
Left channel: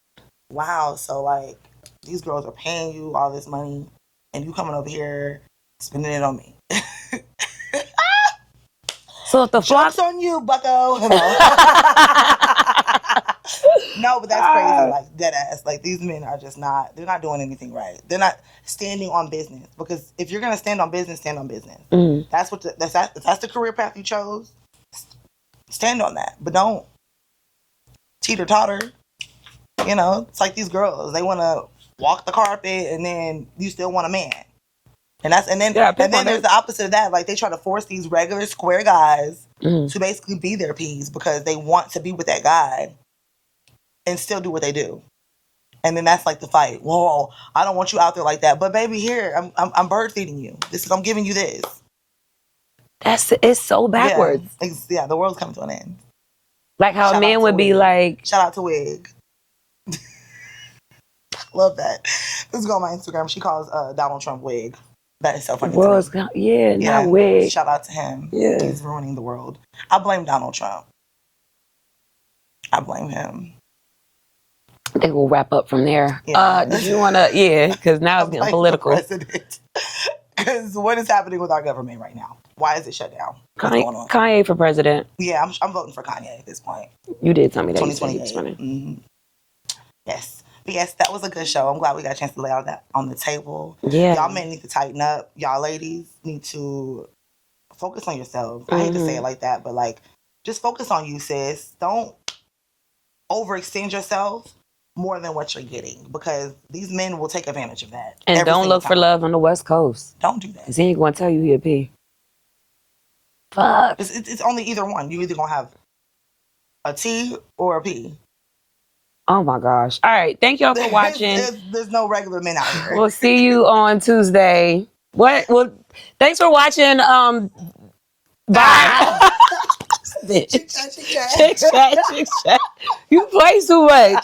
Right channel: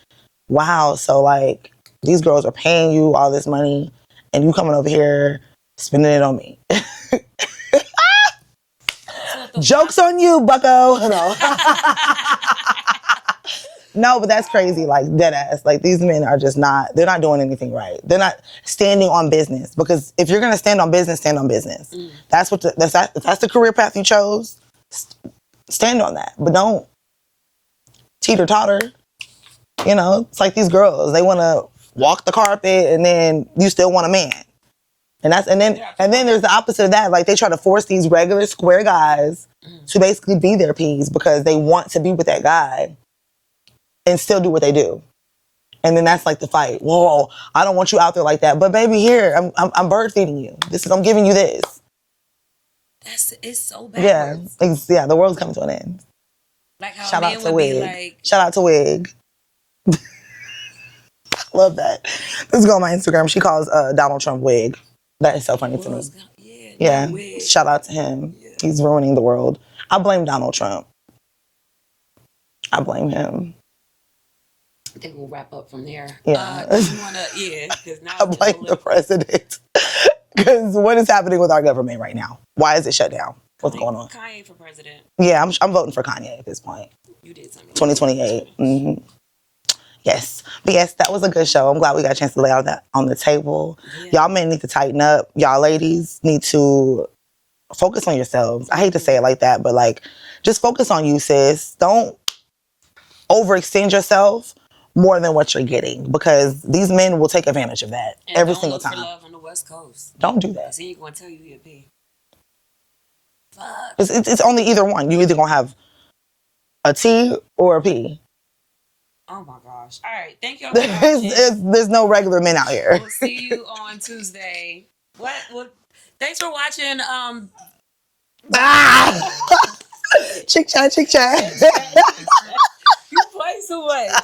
wow, so like these girls are paying you all this money and you coming over here spending it on me. So if the joke's on you, bucko. No, but that's crazy, like dead ass. Like these men are just they're not doing anything right. They're not standing on business because if you're gonna stand on business, stand on business. That's what that's the career path you chose. Stand on that, but don't teeter-totter. You know, it's like these girls, they wanna walk the carpet and then you still want a man. And then there's the opposite of that. Like they try to force these regular square guys to basically be their P's because they want to be with that guy. And still do what they do. And then that's like the fight. Whoa, I don't want you out there like that. But baby, here, I'm bird feeding you. I'm giving you this. It's so backwards. Yeah, the world's coming to an end. Like how a man would be like... Shout out to Wig. Love that. This girl on my Instagram, she calls Donald Trump Wig. That is so funny to me. Not Wig. Shout out to him. Yeah. He's ruining the world. I blame Donald Trump. I blame him. I think we'll wrap up from there. Yeah. Do you want to, because now it's getting political. Because what is happening with our government right now? Why is it shut down? What's going on? Kanye for president. Yeah, I'm voting for Kanye at this point. You did tell me that. 2028. Yes. But yes, that was a good show. I'm glad we got a chance to lay all that on the table. Yeah. Y'all men need to tighten up. Y'all ladies need to focus on yourselves. I hate to say it like that, but like, just focus on you, sis. Don't overextend yourself more than what you're getting because these men will take advantage of that. And don't look for love on the West Coast. Don't do that. Because he ain't going to tell you he a P. Fuck. It's only either one. You either going to have a T or a P. Oh my gosh. All right. Thank y'all for watching. There's no regular men out here. We'll see you on Tuesday. What? Well, thanks for watching. Bye. Chick chat, chick chat. Chick chat, chick chat. You play too much.